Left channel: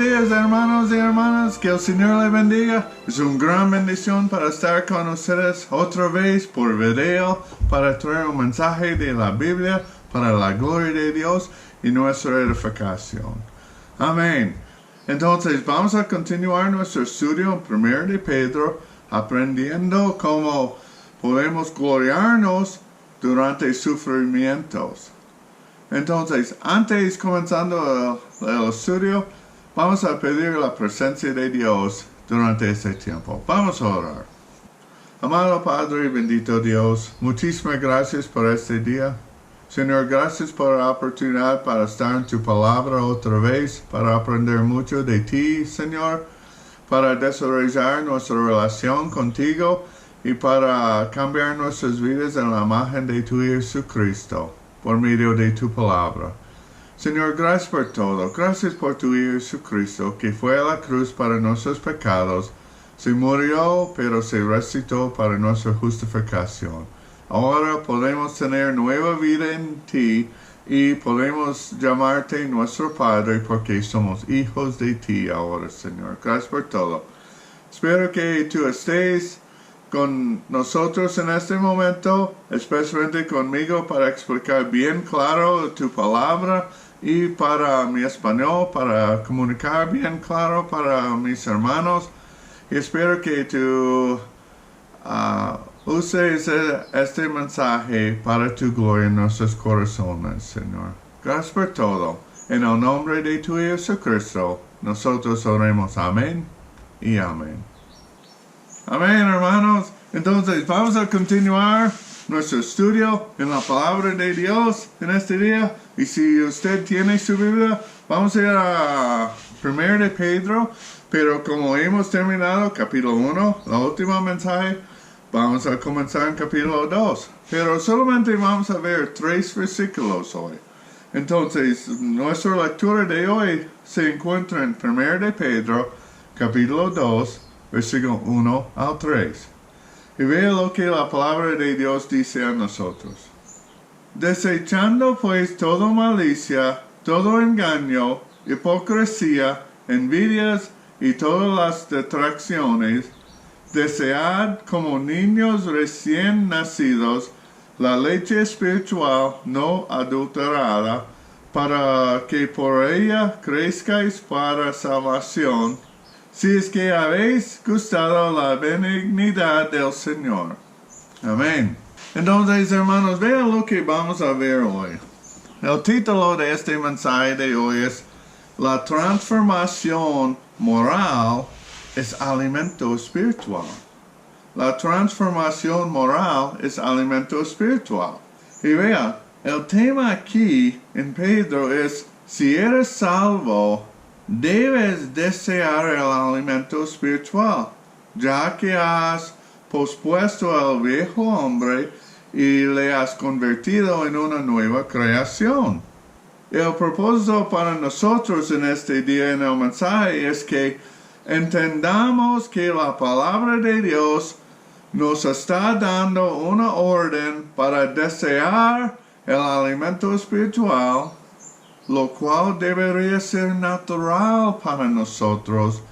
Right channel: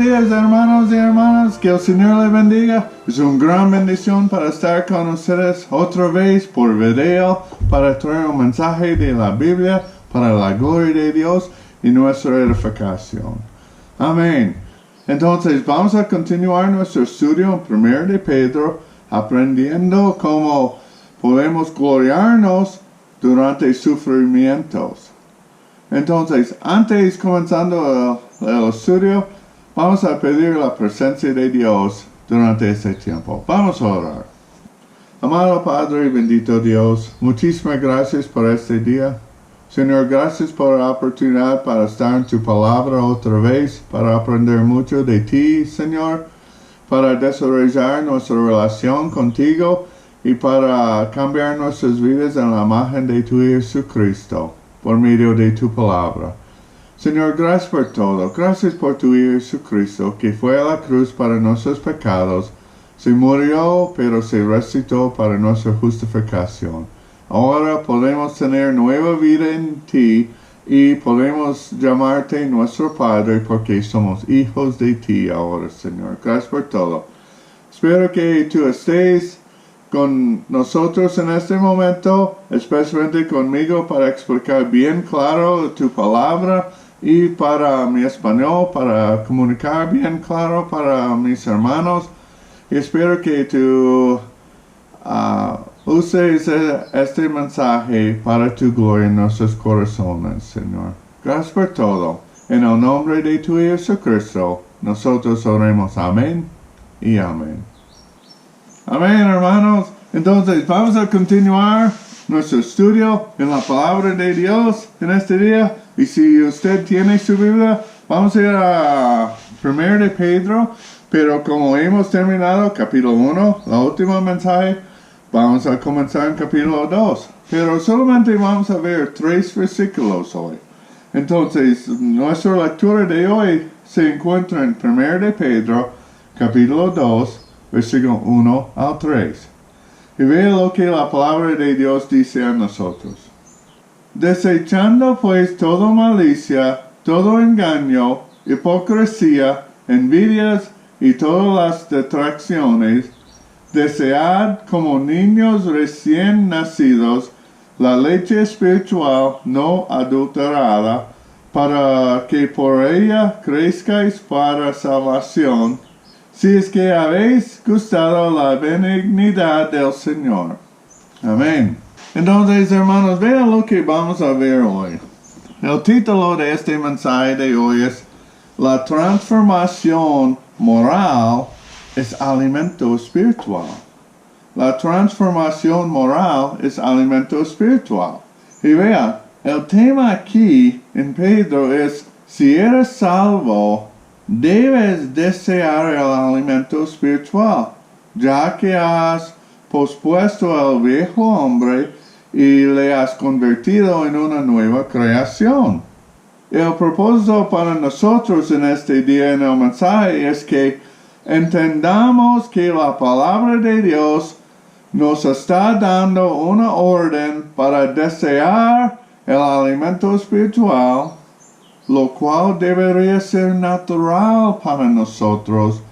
días, hermanos y hermanas. Que el Señor les bendiga. Es una gran bendición para estar con ustedes otra vez por video para traer un mensaje de la Biblia para la gloria de Dios y nuestra edificación. Amén. Entonces vamos a continuar nuestro estudio en 1 de Pedro, aprendiendo cómo podemos gloriarnos durante sufrimientos. Entonces, antes comenzando el estudio, vamos a pedir la presencia de Dios durante este tiempo. Vamos a orar. Amado Padre, bendito Dios, muchísimas gracias por este día. Señor, gracias por la oportunidad para estar en tu palabra otra vez, para aprender mucho de ti, Señor, para desarrollar nuestra relación contigo y para cambiar nuestras vidas en la imagen de tu Hijo Jesucristo, por medio de tu palabra. Señor, gracias por todo. Gracias por tu Hijo Jesucristo, que fue a la cruz para nuestros pecados, se murió, pero se resucitó para nuestra justificación. Ahora podemos tener nueva vida en ti y podemos llamarte nuestro Padre porque somos hijos de ti ahora, Señor. Gracias por todo. Espero que tú estés con nosotros en este momento, especialmente conmigo, para explicar bien claro tu palabra y para mi español, para comunicar bien claro para mis hermanos. Y espero que tú uses este mensaje para tu gloria en nuestros corazones, Señor. Gracias por todo. En el nombre de tu Hijo Jesucristo, nosotros oremos amén y amén. Amén, hermanos. Entonces, vamos a continuar nuestro estudio en la palabra de Dios en este día. Y si usted tiene su Biblia, vamos a ir a 1 de Pedro. Pero como hemos terminado capítulo 1, la última mensaje, vamos a comenzar en capítulo 2. Pero solamente vamos a ver 3 versículos hoy. Entonces, nuestra lectura de hoy se encuentra en 1 de Pedro, capítulo 2, versículo 1 al 3. Y vea lo que la palabra de Dios dice a nosotros. Desechando pues toda malicia, todo engaño, hipocresía, envidias y todas las detracciones, desead como niños recién nacidos la leche espiritual no adulterada, para que por ella crezcáis para salvación, si es que habéis gustado la benignidad del Señor. Amén. Entonces, hermanos, vean lo que vamos a ver hoy. El título de este mensaje de hoy es La transformación moral es alimento espiritual. La transformación moral es alimento espiritual. Y vean, el tema aquí en Pedro es, si eres salvo, debes desear el alimento espiritual, ya que has pospuesto al viejo hombre y le has convertido en una nueva creación. El propósito para nosotros en este día en el mensaje es que entendamos que la palabra de Dios nos está dando una orden para desear el alimento espiritual, lo cual debería ser natural para nosotros,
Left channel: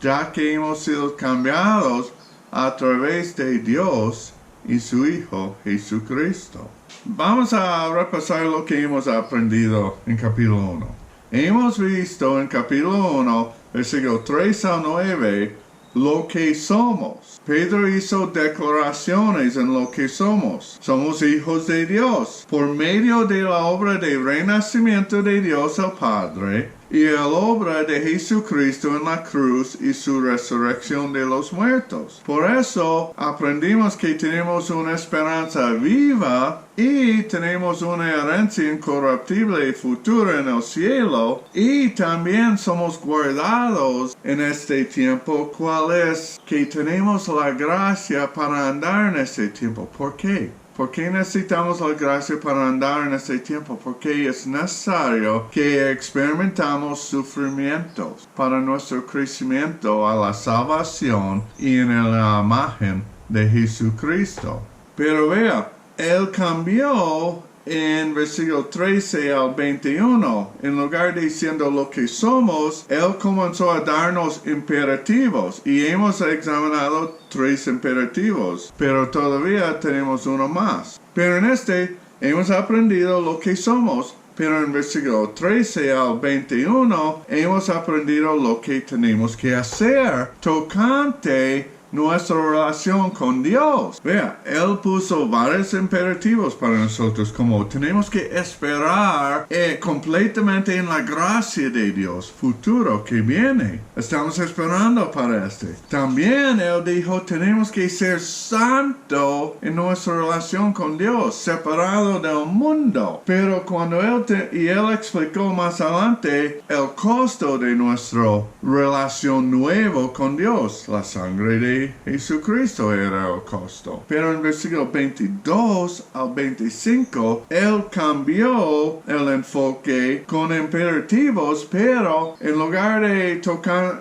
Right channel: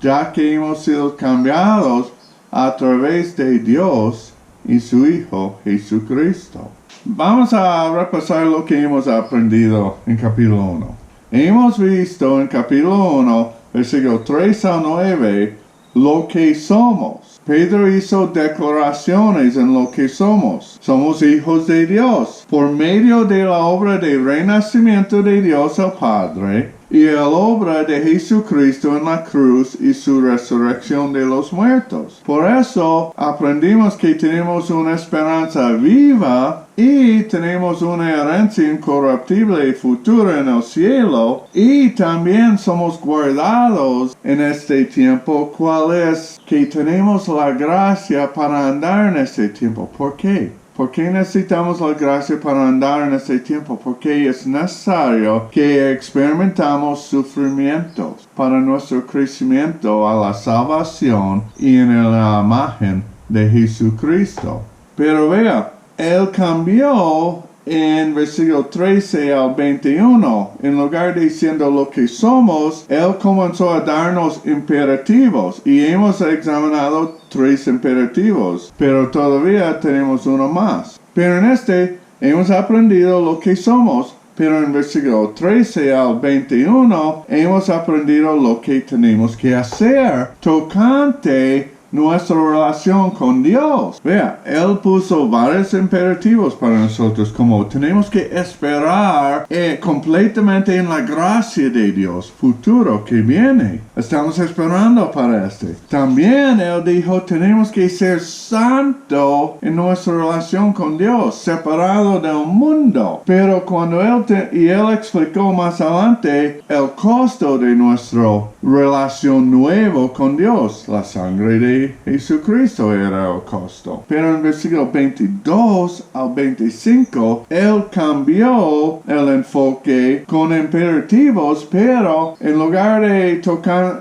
ya que hemos sido cambiados a través de Dios y su Hijo Jesucristo. Vamos a repasar lo que hemos aprendido en capítulo 1. Hemos visto en capítulo 1, versículo 3 al 9, lo que somos. Pedro hizo declaraciones en lo que somos. Somos hijos de Dios por medio de la obra de renacimiento de Dios el Padre y la obra de Jesucristo en la cruz y su resurrección de los muertos. Por eso aprendimos que tenemos una esperanza viva y tenemos una herencia incorruptible y futura en el cielo, y también somos guardados en este tiempo, cual es que tenemos la gracia para andar en este tiempo. ¿Por qué? ¿Por qué necesitamos la gracia para andar en este tiempo? Porque es necesario que experimentamos sufrimientos para nuestro crecimiento a la salvación y en la imagen de Jesucristo. Pero vea, Él cambió en versículo 13 al 21, en lugar de siendo lo que somos, Él comenzó a darnos imperativos y hemos examinado 3 imperativos, pero todavía tenemos uno más. Pero en este hemos aprendido lo que somos, pero en versículo 13 al 21 hemos aprendido lo que tenemos que hacer tocante nuestra relación con Dios. Vea, Él puso varios imperativos para nosotros, como tenemos que esperar completamente en la gracia de Dios futuro que viene. Estamos esperando para este. También Él dijo, tenemos que ser santo en nuestra relación con Dios, separado del mundo. Pero cuando Él explicó más adelante el costo de nuestra relación nueva con Dios, la sangre de Jesucristo era el costo. Pero en versículo 22 al 25, Él cambió el enfoque con imperativos, pero en lugar de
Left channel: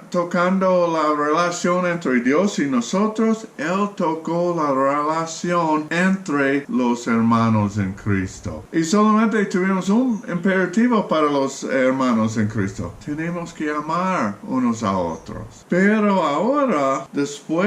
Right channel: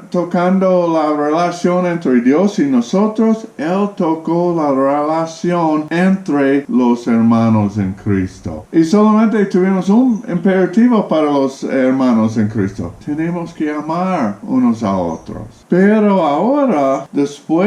tocando la relación entre Dios y nosotros, Él tocó la relación entre los hermanos en Cristo. Y solamente tuvimos un imperativo para los hermanos en Cristo. Tenemos que amar unos a otros. Pero ahora, después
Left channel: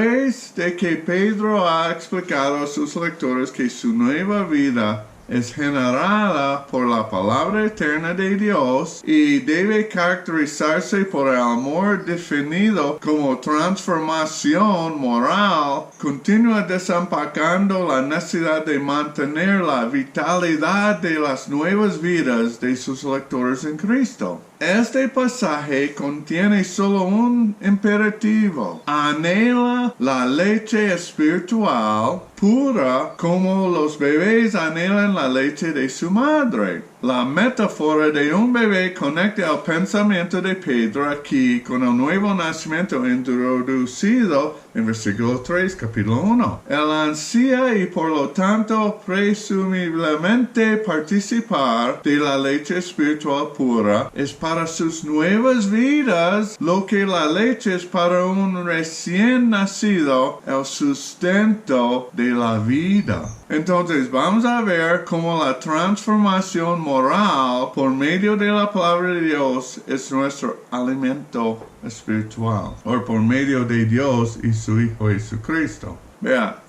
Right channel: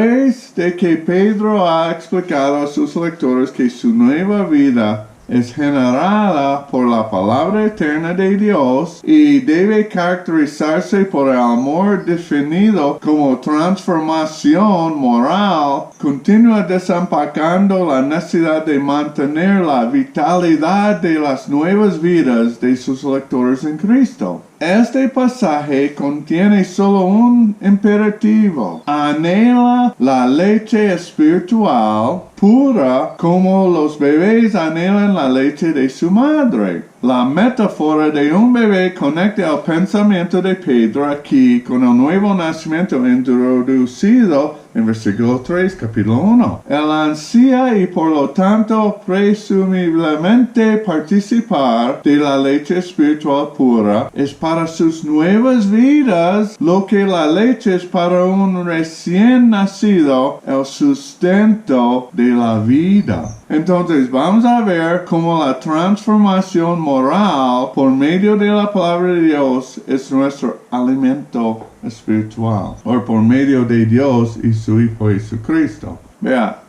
de que Pedro ha explicado a sus lectores que su nueva vida es generada por la palabra eterna de Dios y debe caracterizarse por el amor definido como transformación moral, continúa desempacando la necesidad de mantener la vitalidad de las nuevas vidas de sus lectores en Cristo. Este pasaje contiene solo un imperativo. Anhela la leche espiritual pura como los bebés anhelan la leche de su madre. La metáfora de un bebé conecta el pensamiento de Pedro aquí con el nuevo nacimiento introducido en versículo 3, capítulo 1. Él ansía y por lo tanto presumiblemente participar de la leche espiritual pura es para sus nuevas vidas lo que la leche es para un recién nacido, el sustento de la vida. Entonces vamos a ver cómo la transformación moral por medio de la palabra de Dios es nuestro alimento espiritual, o por medio de Dios y su Hijo Jesucristo. Vea,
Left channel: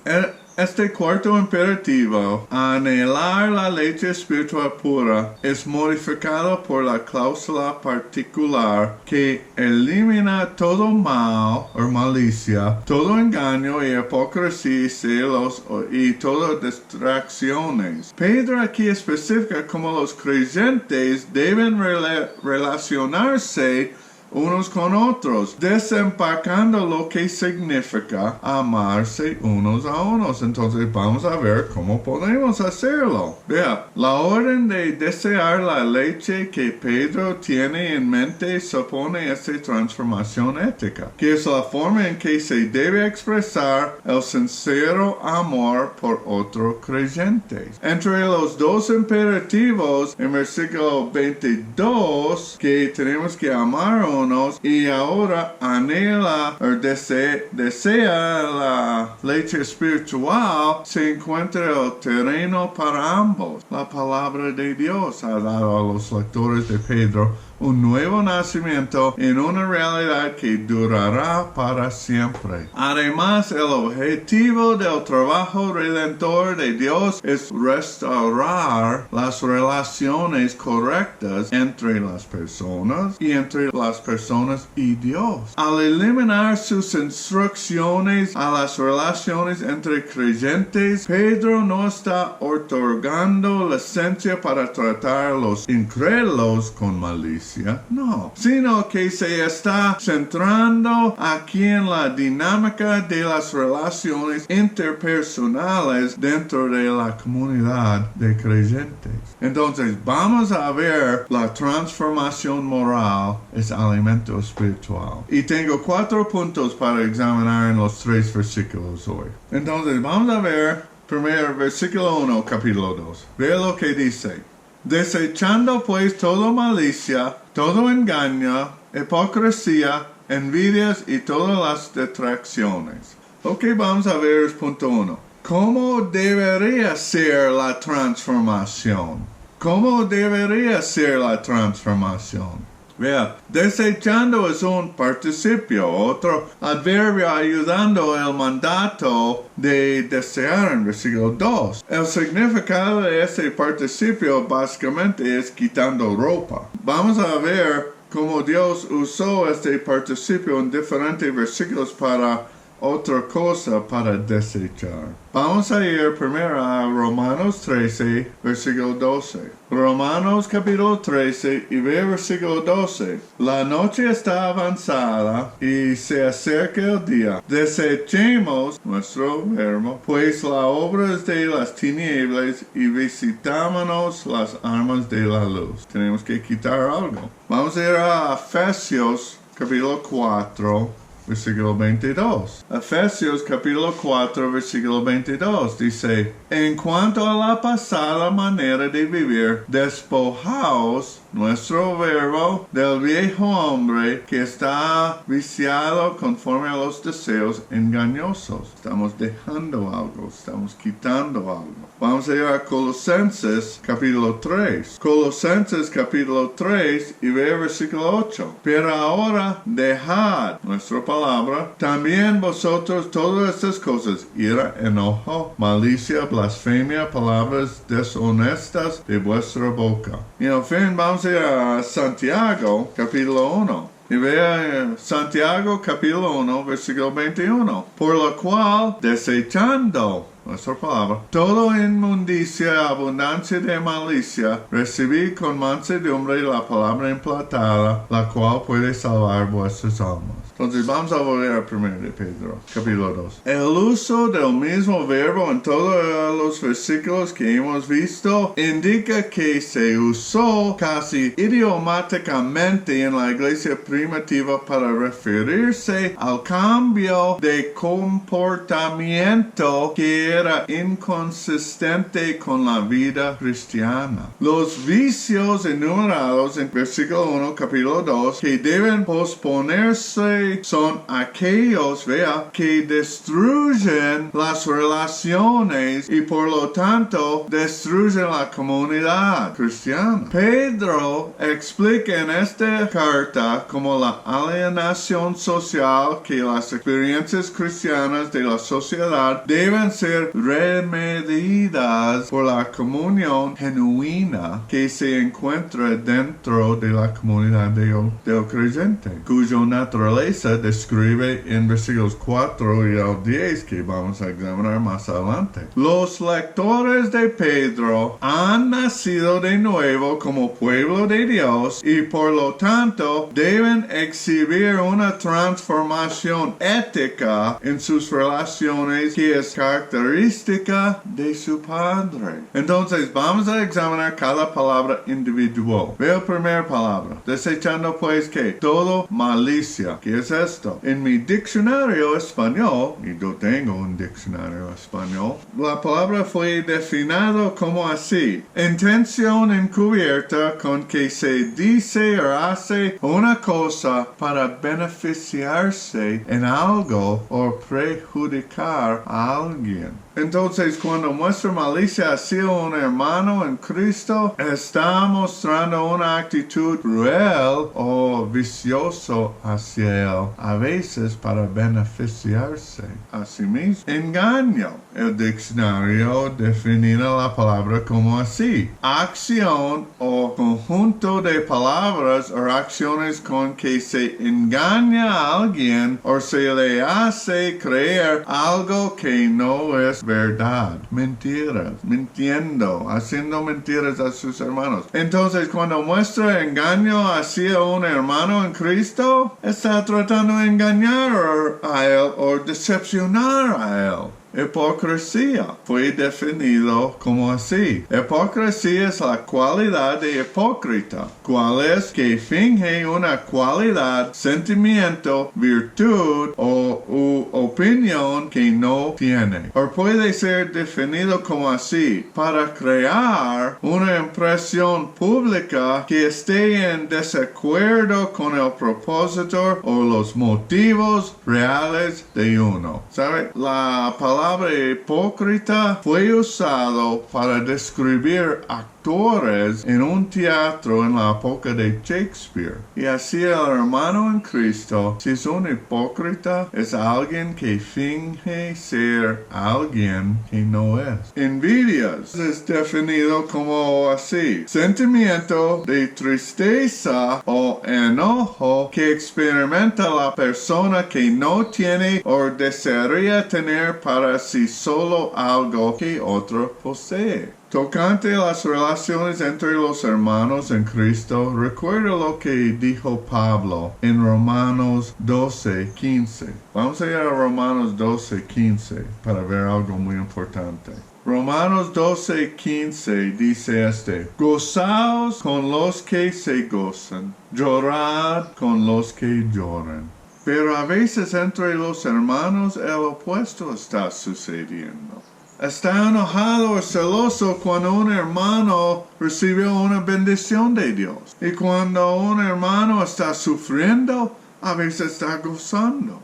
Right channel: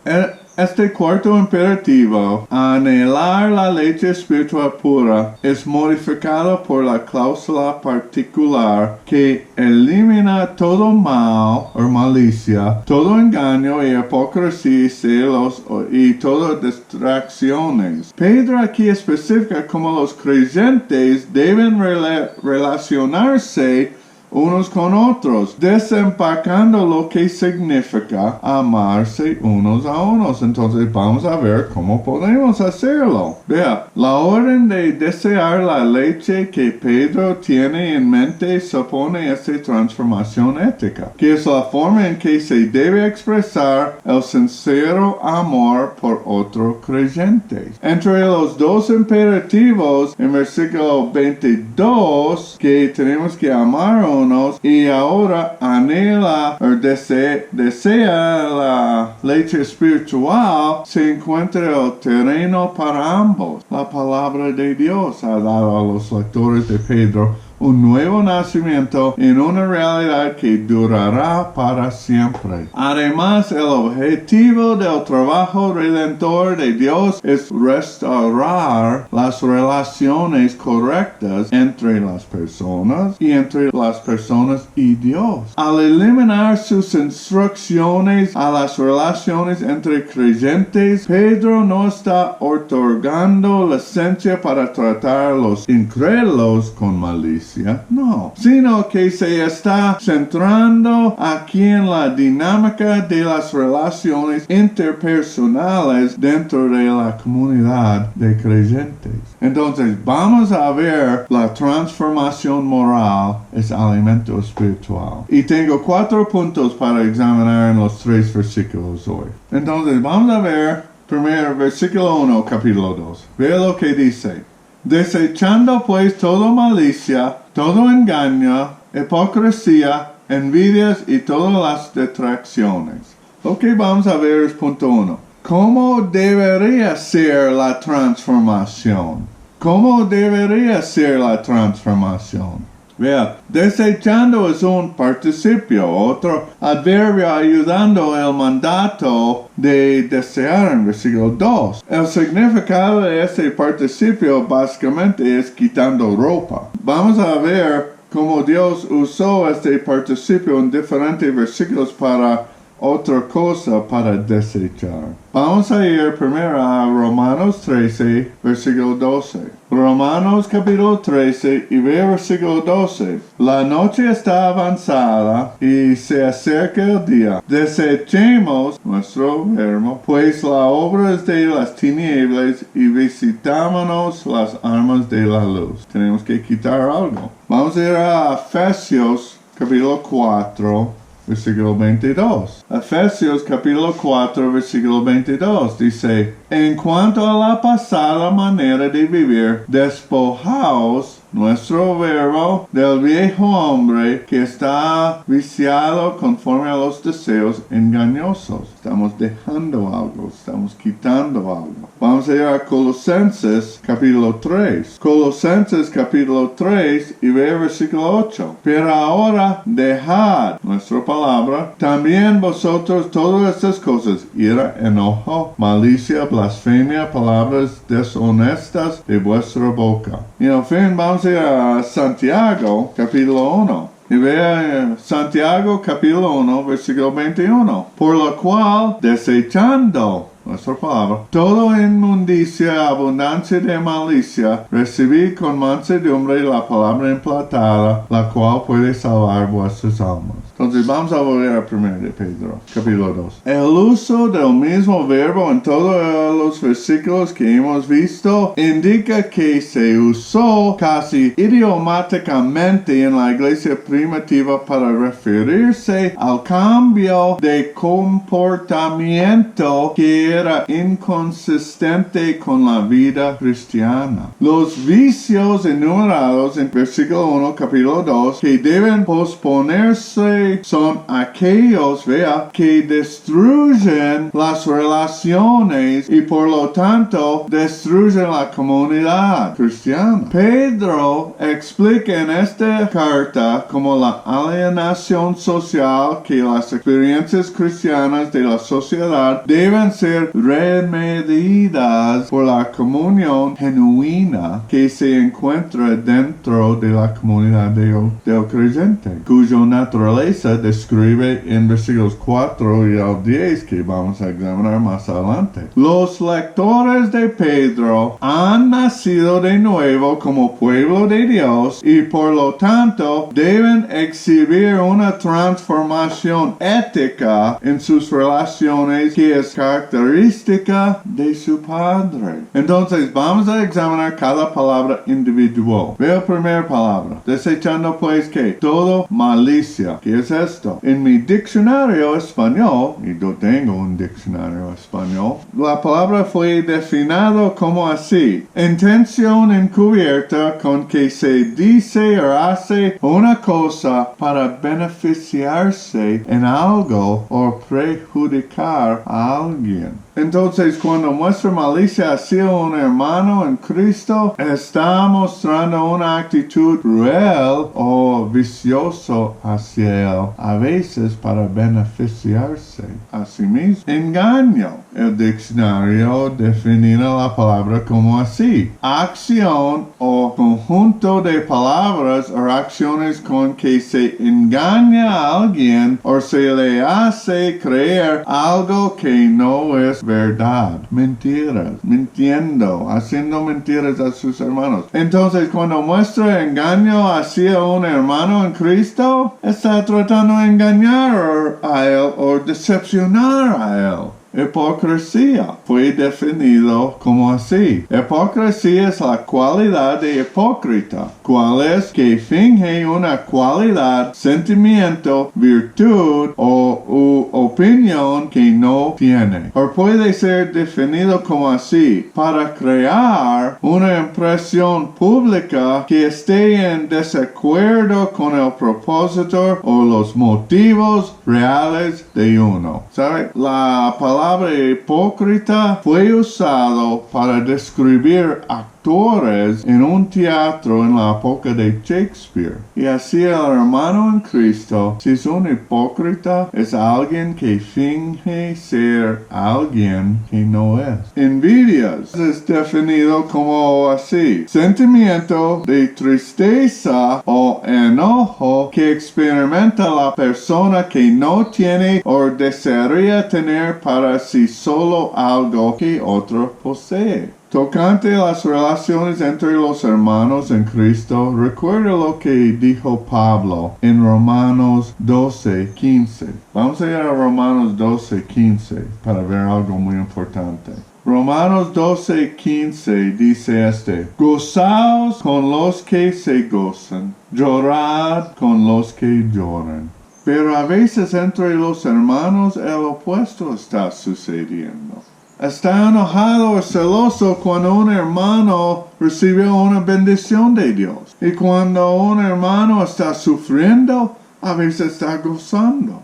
este cuarto imperativo, anhelar la leche espiritual pura, es modificado por la cláusula particular que elimina todo mal o malicia, todo engaño y hipocresía y celos y todas distracciones. Pedro aquí especifica cómo los creyentes deben relacionarse unos con otros, desempacando lo que significa amarse unos a unos. Entonces vamos a ver cómo podemos hacerlo. Vea, la orden de desear la leche que Pedro tiene en mente supone esta transformación ética, que es la forma en que se debe expresar el sincero amor por otros creyentes. Entre los dos imperativos en versículo 22, que tenemos que amar y ahora anhela o desea la leche espiritual, se encuentra el terreno para ambos. La palabra de Dios ha dado a los lectores de Pedro un nuevo nacimiento en una realidad que durará para siempre. Además, el objetivo del trabajo redentor de Dios es restaurar las relaciones correctas entre las personas y entre las personas y Dios. Al eliminar sus instrucciones a las relaciones entre creyentes, Pedro no está otorgando licencia para tratar a los incrédulos con malicia. No, sino que se está centrando aquí en la dinámica de las relaciones interpersonales dentro de la comunidad de creyentes. Entonces, vamos a ver la transformación moral es alimento espiritual. Y tengo 4 puntos para examinar en los 3 versículos hoy. Entonces, vamos a ver primero versículo 1, capítulo 2. Ve lo que dice. Desechando pues toda malicia, todo engaño, hipocresía, envidias y todas las detracciones. Lo que vamos a ver es punto 1. ¿cómo debería ser la transformación? ¿Cómo debería ser la transformación? Vea, desechando es un participio, otro adverbio ayudando el mandato de desear en versículo 2. El significado de este participio básicamente es quitando ropa. Vamos a ver cómo Dios usó este participio en diferentes versículos para otra cosa para desechar. Vamos a ir primero a Romanos 13, versículo 12. Romanos capítulo 13 y ve versículo 12. La noche está avanzada y se acerca el día. Desechemos nuestro verbo, pues la obra es de las tinieblas y visitámonos las armas de la luz. Tenemos que quitar algo. Vamos a ir a Efesios capítulo 4. Versículo 22. Efesios capítulo 4, versículo 22 dice: En cuanto a la pasada manera de vivir, despojaos nuestro verbo del viejo hombre que está viciado conforme a los deseos engañosos. Estamos dejando algo, estamos quitando algo. Vamos a ir a Colosenses capítulo 3. Colosenses capítulo 3 y ve versículo 8. Pero ahora dejad, nuestra palabra, también vosotros todas estas cosas: ira, enojo, malicia, blasfemia, palabras deshonestas de vuestra boca. Y en fin, vamos a ir a Santiago capítulo 1. Y vea Santiago capítulo 1, versículo 21. Por lo cual, desechando nuestra palabra, toda inmundicia, abundancia de malicia, recibid con mansedumbre la palabra implantada, la cual puede salvar vuestras almas. Entonces vamos a volver a 1 de Pedro, capítulo 2. El uso del mismo verbo en todos los versículos que hemos visto indica que se usó casi idiomáticamente en la iglesia primitiva para referirse al cambio de comportamiento que era inconsistente con la vida cristiana. Los vicios enumerados en versículo 1, capítulo 2, que deben posponerse son aquellos, vea, que destruyen las relaciones y por lo tanto destruyen la comunidad cristiana. Pedro explica en esta carta como la alienación social que las experiencias cristianas de la sociedad deben ser remediadas por la comunión genuina que se encuentra dentro de la comunidad del creyente, cuya naturaleza describe en versículos 4 y al 10 que vamos a examinar más adelante. Los lectores de Pedro han nacido de nuevo como pueblo de Dios y por lo tanto deben exhibir una transformación ética en sus relaciones que es característica de su Padre. Entonces vamos a examinar cada palabra individual. Veo la primera palabra. Desechando pues que todo malicia. ¿Qué es esto? En mi diccionario español, y yo tengo un diccionario español, la palabra fue definida como así: intención encubierta con que se dice o hace una cosa para beneficiarse en algo o perjudicar a alguien. Entonces, cuando muestra malicia hacia un hermano en Cristo, está mostrando una actitud cruel o vicioso hacia él, a veces para beneficiarse a sí mismo. Engaño. El diccionario define la palabra como así: acción o conjunto de palabras o acciones con que se engaña a alguien o se le hace creer algo que no es verdad. Mentiras, mintiendo, haciendo mentiras a sus hermanos. Entonces, cuando muestra engaño hacia un hermano en Cristo, está tratando de engañar a él o decepcionar a él. Hipocresía fue definido como así: hipocresía es la cualidad de hipócrita, cual es que finge una cualidad, sentimiento, virtud o opinión que no tiene. O puede ser definido como así: para crear una impresión pública que esté en desacuerdo con el propósito o los motivos reales de uno. ¿Sabe? La palabra palabra hipócrita fue usado para describir actores en un teatro en la época de Shakespeare. Y así el hermano en Cristo, si es un hipócrita, es alguien que finge ser alguien que no es. Envidias es definido como así: sentimiento de tristeza o enojo que experimenta la persona que no tiene o desearía tener para sí solo algo que otro posee. Tocante a las relaciones entre los hermanos en Cristo, recuerda lo que dijo Pablo en Romanos 12:15. Vamos a ir a Romanos 12:15 para ver algo muy importante. Romanos 12:15 dice gozaos con los que se gozan, llorad con los que lloran. Pero a veces entre los hermanos el opuesto está sucediendo. Está enojado o celoso cuando un hermano recibe una bendición de Dios. Y cuando un hermano está sufriendo, a veces está gozando.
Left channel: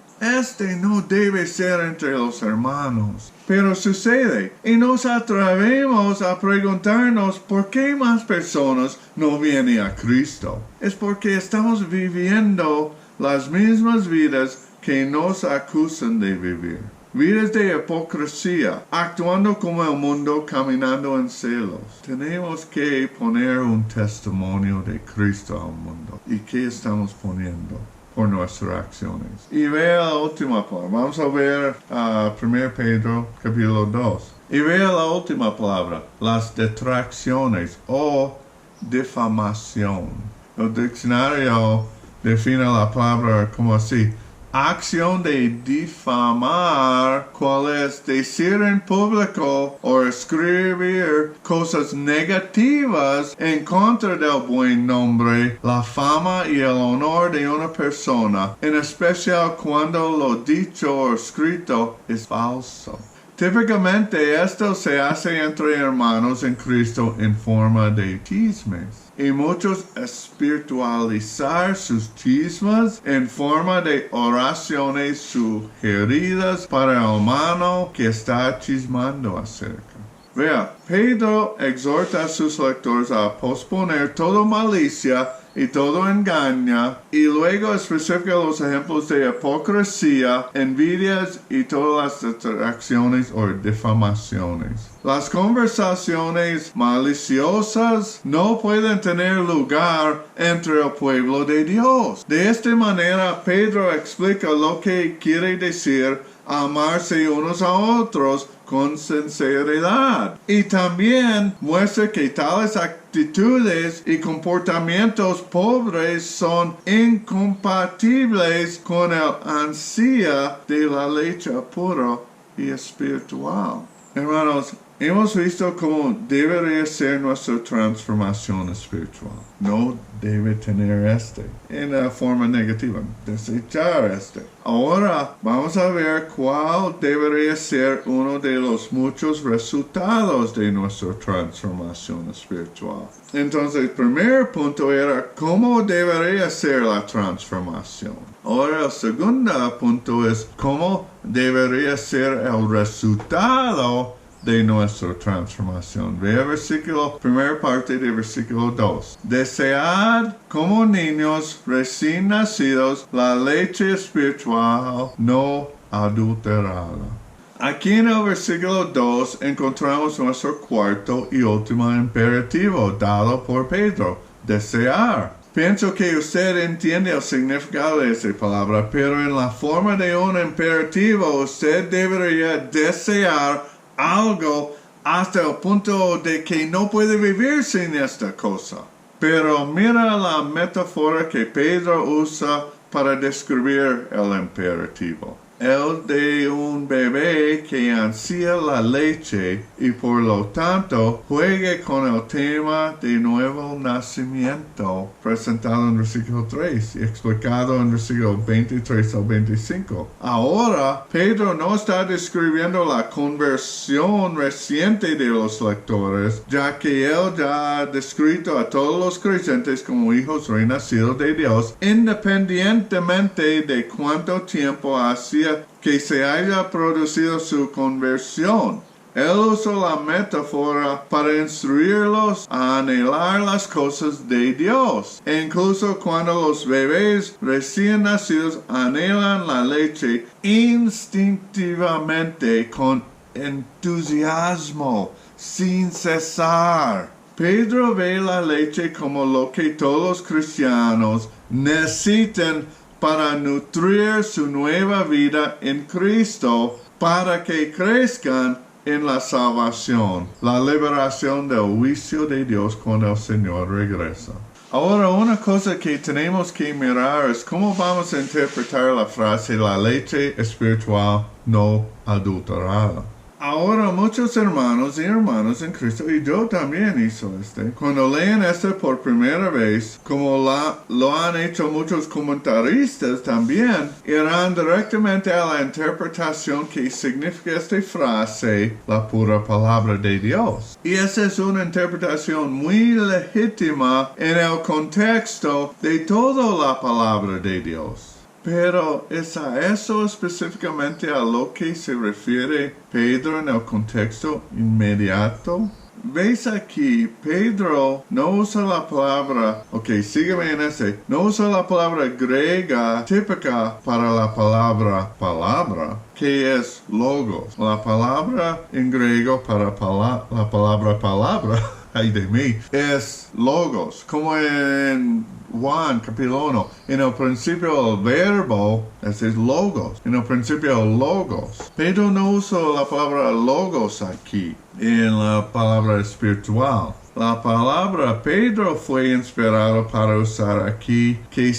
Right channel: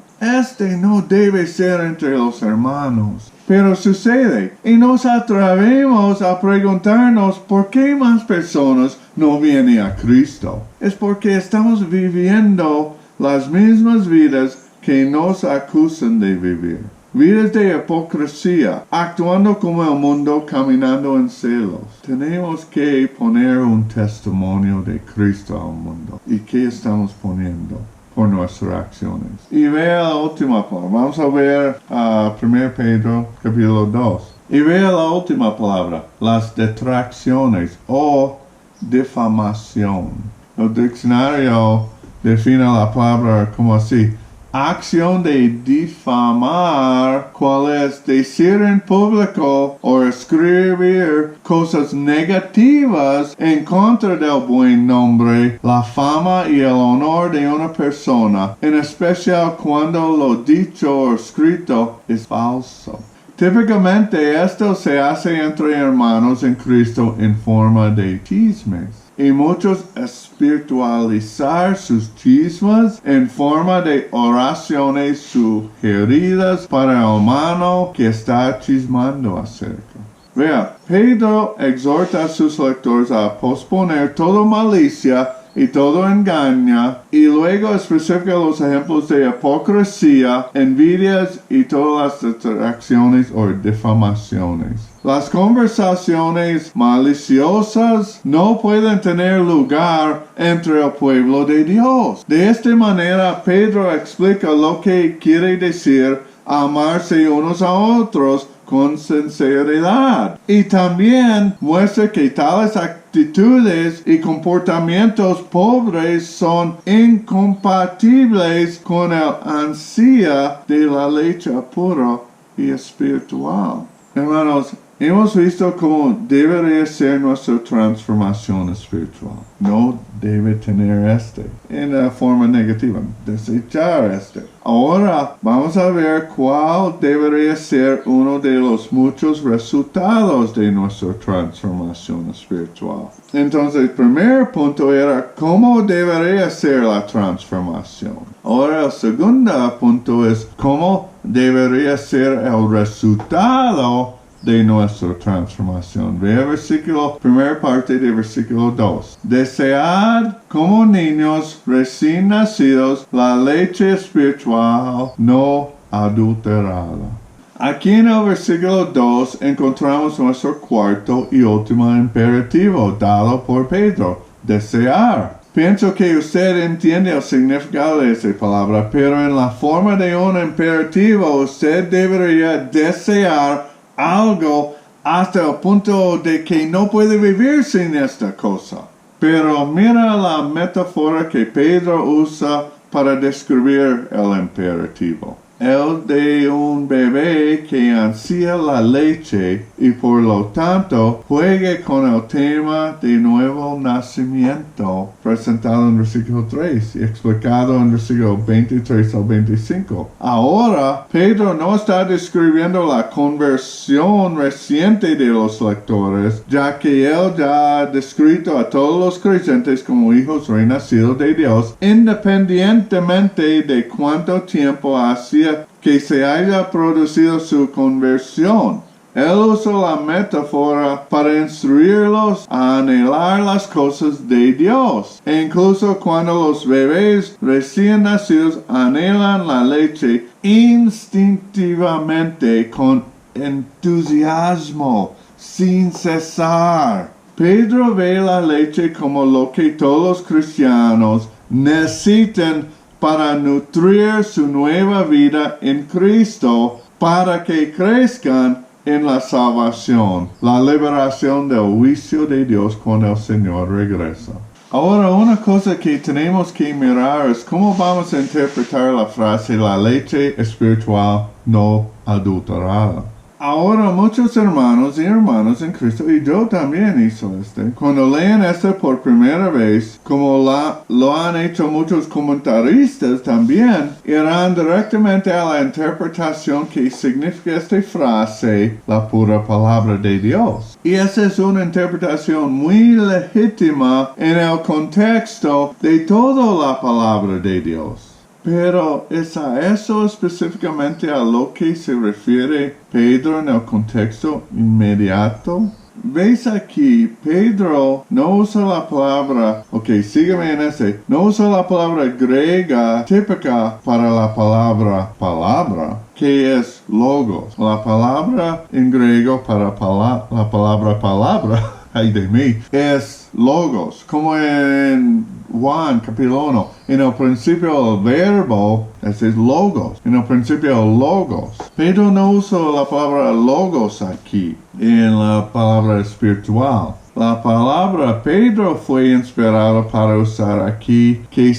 No debe ser entre los hermanos. Pero sucede. Y nos atrevemos a preguntarnos por qué más personas no vienen a Cristo. Es porque estamos viviendo las mismas vidas que nos acusan de vivir. Vidas de hipocresía, actuando como el mundo, caminando en celos. Tenemos que poner un testimonio de Cristo al mundo. ¿Y qué estamos poniendo por nuestras acciones? Y vea la última palabra. Vamos a ver 1 Pedro capítulo 2. Y vea la última palabra, las detracciones o difamación. El diccionario define la palabra como así: acción de difamar, cual es decir en público o escribir cosas negativas en contra del buen nombre, la fama y el honor de una persona, en especial cuando lo dicho o escrito es falso. Típicamente esto se hace entre hermanos en Cristo en forma de chismes. Y muchos espiritualizar sus chismes en forma de oraciones sugeridas para el hermano que está chismando acerca. Vea, Pedro exhorta a sus lectores a posponer toda malicia y todo engaño, y luego especifica los ejemplos de hipocresía, envidias y todas las detracciones o difamaciones. Las conversaciones maliciosas no pueden tener lugar entre el pueblo de Dios. De esta manera, Pedro explica lo que quiere decir amarse unos a otros con sinceridad. Y también muestra que tales actitudes y comportamientos pobres son incompatibles con el ansia de la leche pura y espiritual. Hermanos, hemos visto cómo debería ser nuestra transformación espiritual. No debe tener en la forma negativa, desechar Ahora vamos a ver cuál debería ser uno de los muchos resultados de nuestra transformación espiritual. Entonces, el primer punto era cómo debería ser la transformación. Ahora el segundo punto es cómo debería ser el resultado de nuestra transformación. Ve el versículo, primera parte del versículo 2. Desead como niños recién nacidos la leche espiritual no adulterada. Aquí en el versículo 2 encontramos nuestro cuarto y último imperativo dado por Pedro: desear. Pienso que usted entiende el significado de esa palabra, pero en la forma de un imperativo usted debería desear algo hasta el punto de que no puede vivir sin esta cosa. Pero mira la metáfora que Pedro usa para describir el imperativo. El de un bebé que ansía la leche y por lo tanto juegue con el tema de nuevo nacimiento presentado en versículo 3 y explicado en versículo 23 al 25. Ahora, Pedro no está describiendo la conversión reciente de los lectores, ya que él ya ha descrito a todos los creyentes como hijos renacidos de Dios, independientemente de cuánto tiempo hacía decía que se haya producido su conversión. Él usó la metáfora para instruirlos a anhelar las cosas de Dios. E incluso cuando los bebés recién nacidos anhelan la leche instintivamente con entusiasmo, sin cesar. Pedro ve la leche como lo que todos los cristianos necesitan para nutrir su nueva vida en Cristo, para que crezcan en la salvación, la liberación del juicio de Dios cuando el Señor regresa. Ahora, una cosa que tenemos que mirar es cómo vamos a interpretar la frase la leche espiritual no adulterada. Ahora, muchos hermanos y hermanas en Cristo, y yo también hice cuando leen por primera vez, como lo han hecho muchos comentaristas también, irán directamente a la interpretación que significa esta frase, la pura palabra de Dios. Y esa es una interpretación muy legítima en el contexto de toda la palabra de Dios. Pero ¿es a eso específicamente a lo que se refiere Pedro en el contexto inmediato? ¿Veis aquí? Pedro no usa la palabra, sígueme en no usa la palabra griega típica para la palabra, que es logos. La palabra en griego para la palabra, ay de mí, es logos, como en Juan capítulo 1. En el principio el verbo, ese es logos. En el principio el logos. Pedro no usa la palabra logos aquí, en la palabra espiritual. La palabra Pedro fue inspirado para usar aquí, que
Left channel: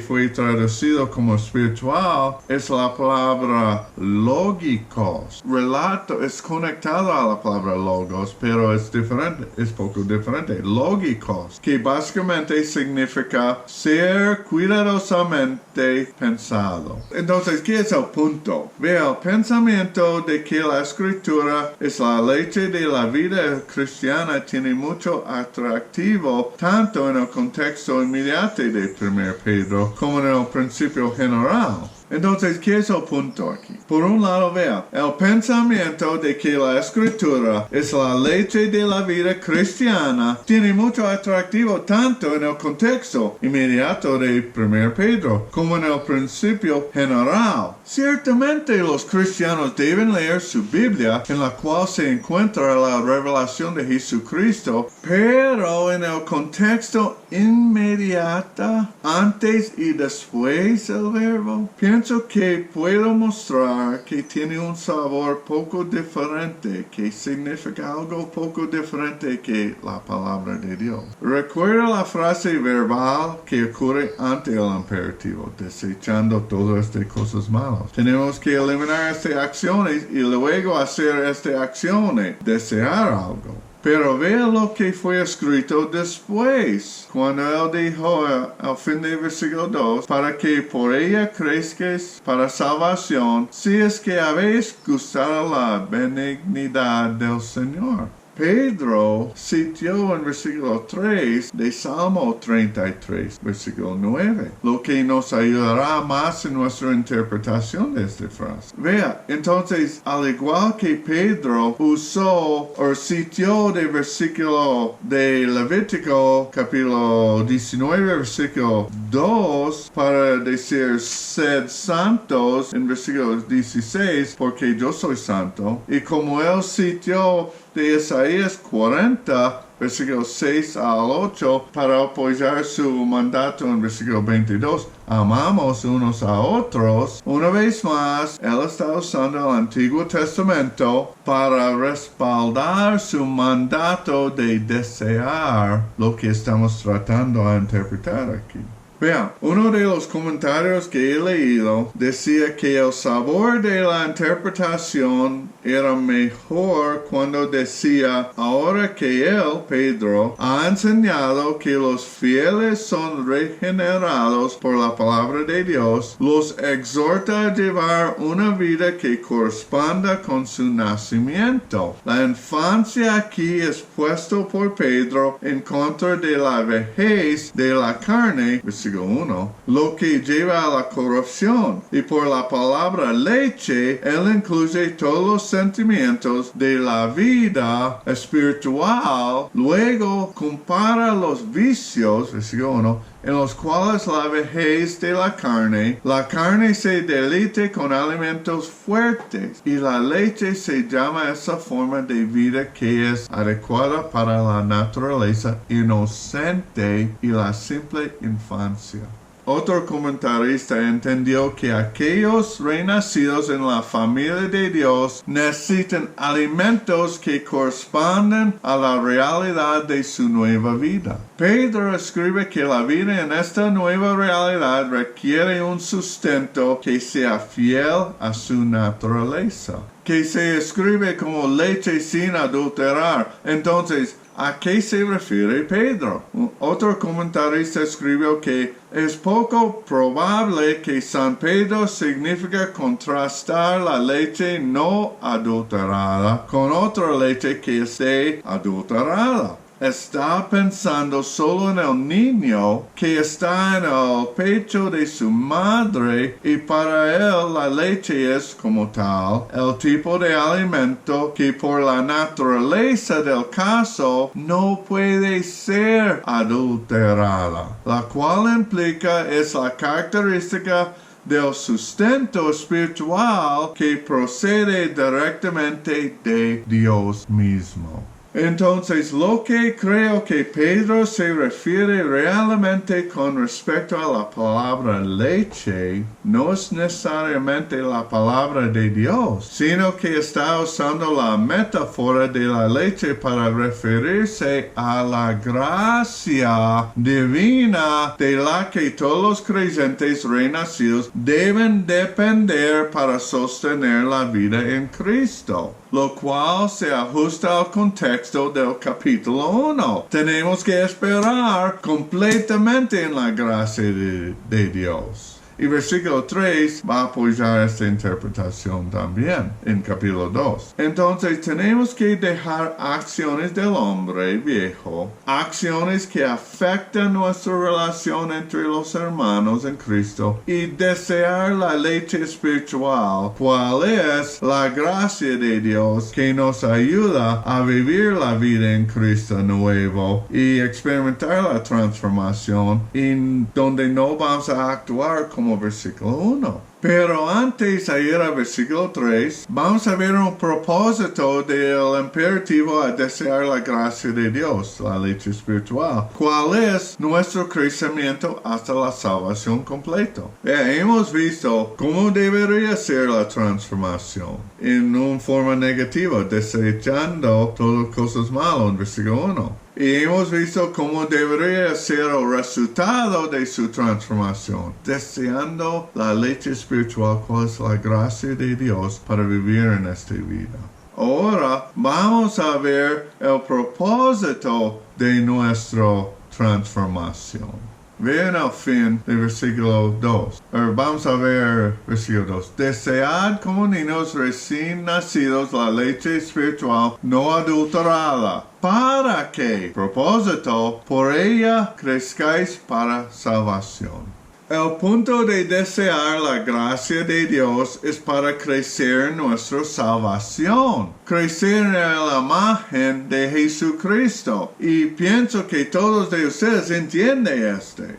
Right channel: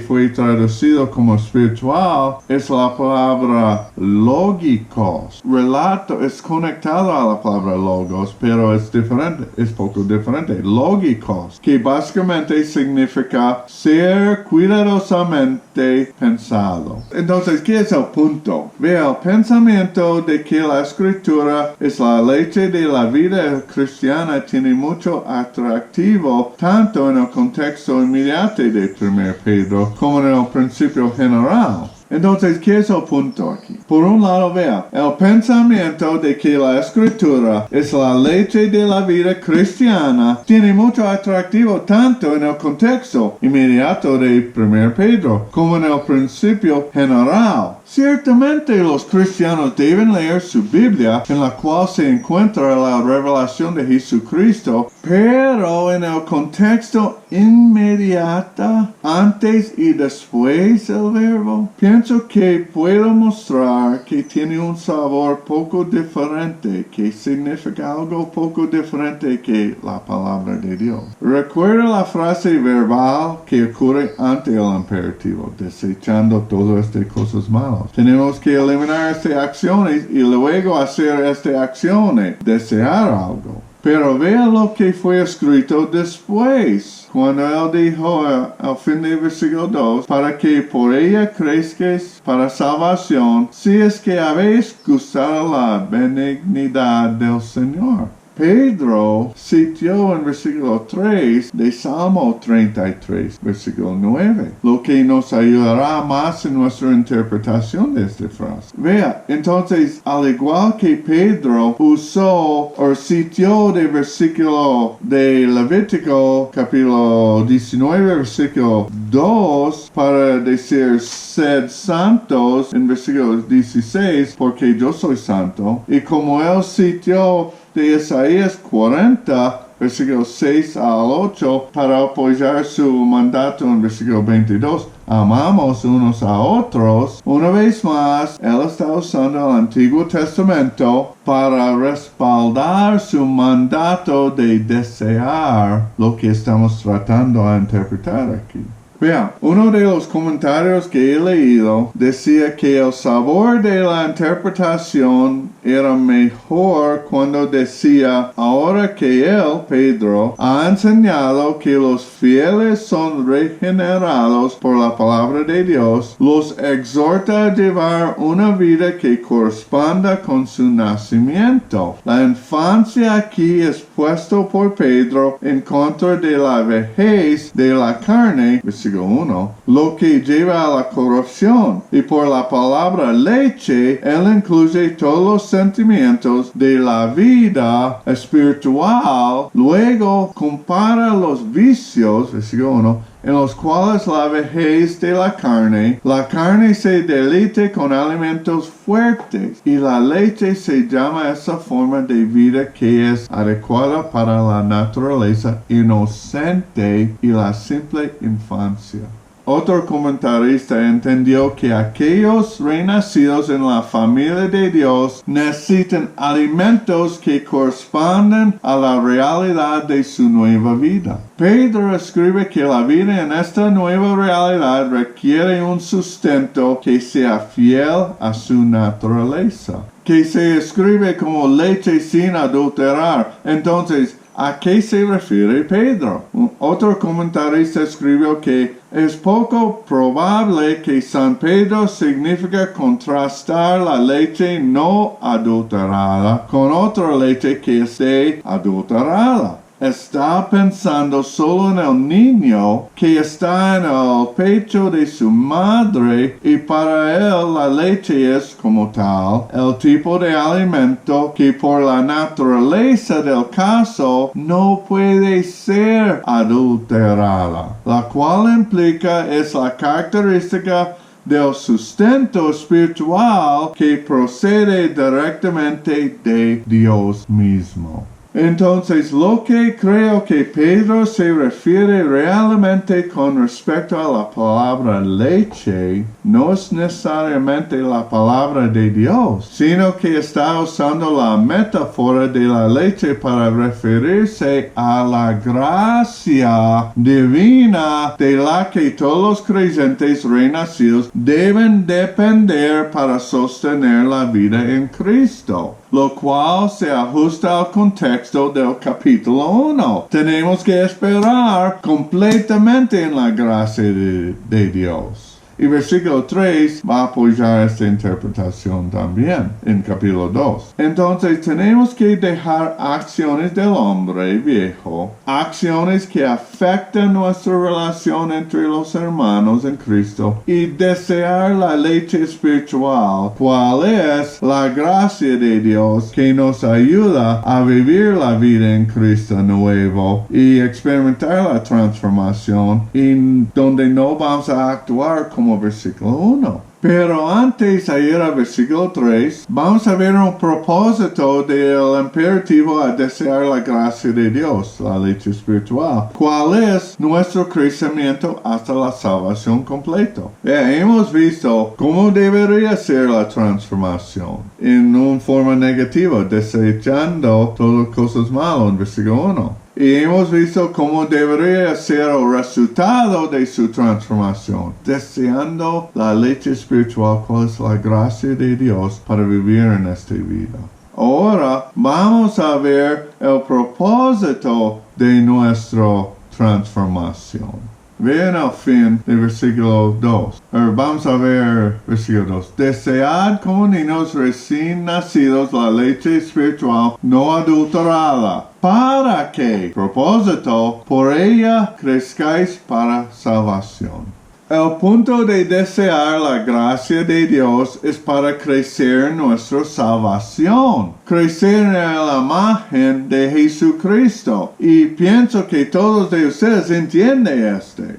fue traducido como espiritual, es la palabra lógicos. Relato es conectado a la palabra logos, pero es diferente, es poco diferente. Lógicos, que básicamente significa ser cuidadosamente pensado. Entonces, ¿qué es el punto? Vea, el pensamiento de que la escritura es la leche de la vida cristiana tiene mucho atractivo tanto en el contexto inmediato de 1 Pedro como en el principio general. Entonces, ¿qué es el punto aquí? Por un lado, vea, el pensamiento de que la escritura es la leche de la vida cristiana tiene mucho atractivo tanto en el contexto inmediato de 1 Pedro como en el principio general. Ciertamente los cristianos deben leer su Biblia en la cual se encuentra la revelación de Jesucristo, pero en el contexto inmediato, antes y después del verbo, pienso que puedo mostrar que tiene un sabor poco diferente, que significa algo poco diferente que la palabra de Dios. Recuerda la frase verbal que ocurre ante el imperativo, desechando todas estas cosas malas. Tenemos que eliminar estas acciones y luego hacer estas acciones, desear algo. Pero vea lo que fue escrito después, cuando él dijo al fin del versículo 2, para que por ella crezcáis para salvación, si es que habéis gustado la benignidad del Señor. Pedro citó en versículo 3 de Salmo 33, versículo 9, lo que nos ayudará más en nuestra interpretación de esta frase. Vea, entonces, al igual que Pedro usó o citó de versículo de Levítico, capítulo 19, versículo 2, para decir, sed santos, en versículo 16, porque yo soy santo, y como él citó de Isaías 40, versículos 6 al 8, para apoyar su mandato en versículo 22. Amamos unos a otros. Una vez más, él está usando el Antiguo Testamento para respaldar su mandato de desear lo que estamos tratando de interpretar aquí. Vean, uno de los comentarios que he leído decía que el sabor de la interpretación era mejor cuando decía, ahora que él, Pedro, ha enseñado que los fieles son regenerados por la palabra de Dios, los exhorta a llevar una vida que corresponda con su nacimiento. La infancia aquí es puesto por Pedro en contra de la vejez de la carne, versículo versículo 1, lo que lleva a la corrupción. Y por la palabra leche, él incluye todos los sentimientos de la vida espiritual. Luego compara los vicios, versículo 1, en los cuales la vejez de la carne se deleite con alimentos fuertes, y la leche se llama esa forma de vida que es adecuada para la naturaleza inocente y la simple infancia. Otro comentarista entendió que aquellos renacidos en la familia de Dios necesitan alimentos que corresponden a la realidad de su nueva vida. Pedro escribe que la vida en esta nueva realidad requiere un sustento que sea fiel a su naturaleza, que se escribe como leche sin adulterar. Entonces, ¿a qué se refiere Pedro? Otro comentarista escribió que es poco probable que San Pedro significa contrastar la leche no adulterada con otra leche que esté adulterada. Está pensando solo en el niño que está en el pecho de su madre, y para él la leche es como tal el tipo de alimento que por la naturaleza del caso no puede ser adulterada, la cual implica es la característica del sustento espiritual que procede directamente de Dios mismo. Entonces, lo que creo que Pedro se refiere realmente con respecto a la palabra leche no es necesariamente la palabra de Dios, sino que está usando la metáfora de la leche para referirse a la gracia divina de la que todos los creyentes renacidos deben depender para sostener la vida en Cristo, lo cual se ajusta al contexto del capítulo 1. Tenemos que esperar completamente en la gracia de Dios. Y versículo 3 va a apoyar esta interpretación también en capítulo 2. Entonces tenemos que dejar acciones del hombre viejo, acciones que afectan nuestra relación entre los hermanos en Cristo, y desear la leche espiritual, cual es la gracia de Dios que nos ayuda a vivir la vida en Cristo nuevo y experimentar la transformación, y donde no vamos a actuar como versículo 1. Pero antes de ir al versículo 3, vamos a ver un propósito del imperativo a desear la gracia de Dios, la leche espiritual, cuál es nuestro crecimiento hasta la salvación completa. Hemos visto cómo debería ser la transformación en una forma negativa, desechando todas las cosas malas en versículo 1. Y hemos visto cómo debería ser el resultado de su transformación, deseando la leche espiritual, cual es la gracia de Dios para vivir en esta vida. Ahora vamos a ver el propósito de nuestra transformación. Vean al fin del versículo 2. Vamos a ver versículo 2. Desead como niños recién nacidos la leche espiritual no adulterada, para que, propósito, por ella crezcáis para salvación. El punto de desear la gracia de Dios es para crecer en nuestra salvación, crecer en la imagen de Jesucristo. Y pienso que todos de ustedes entienden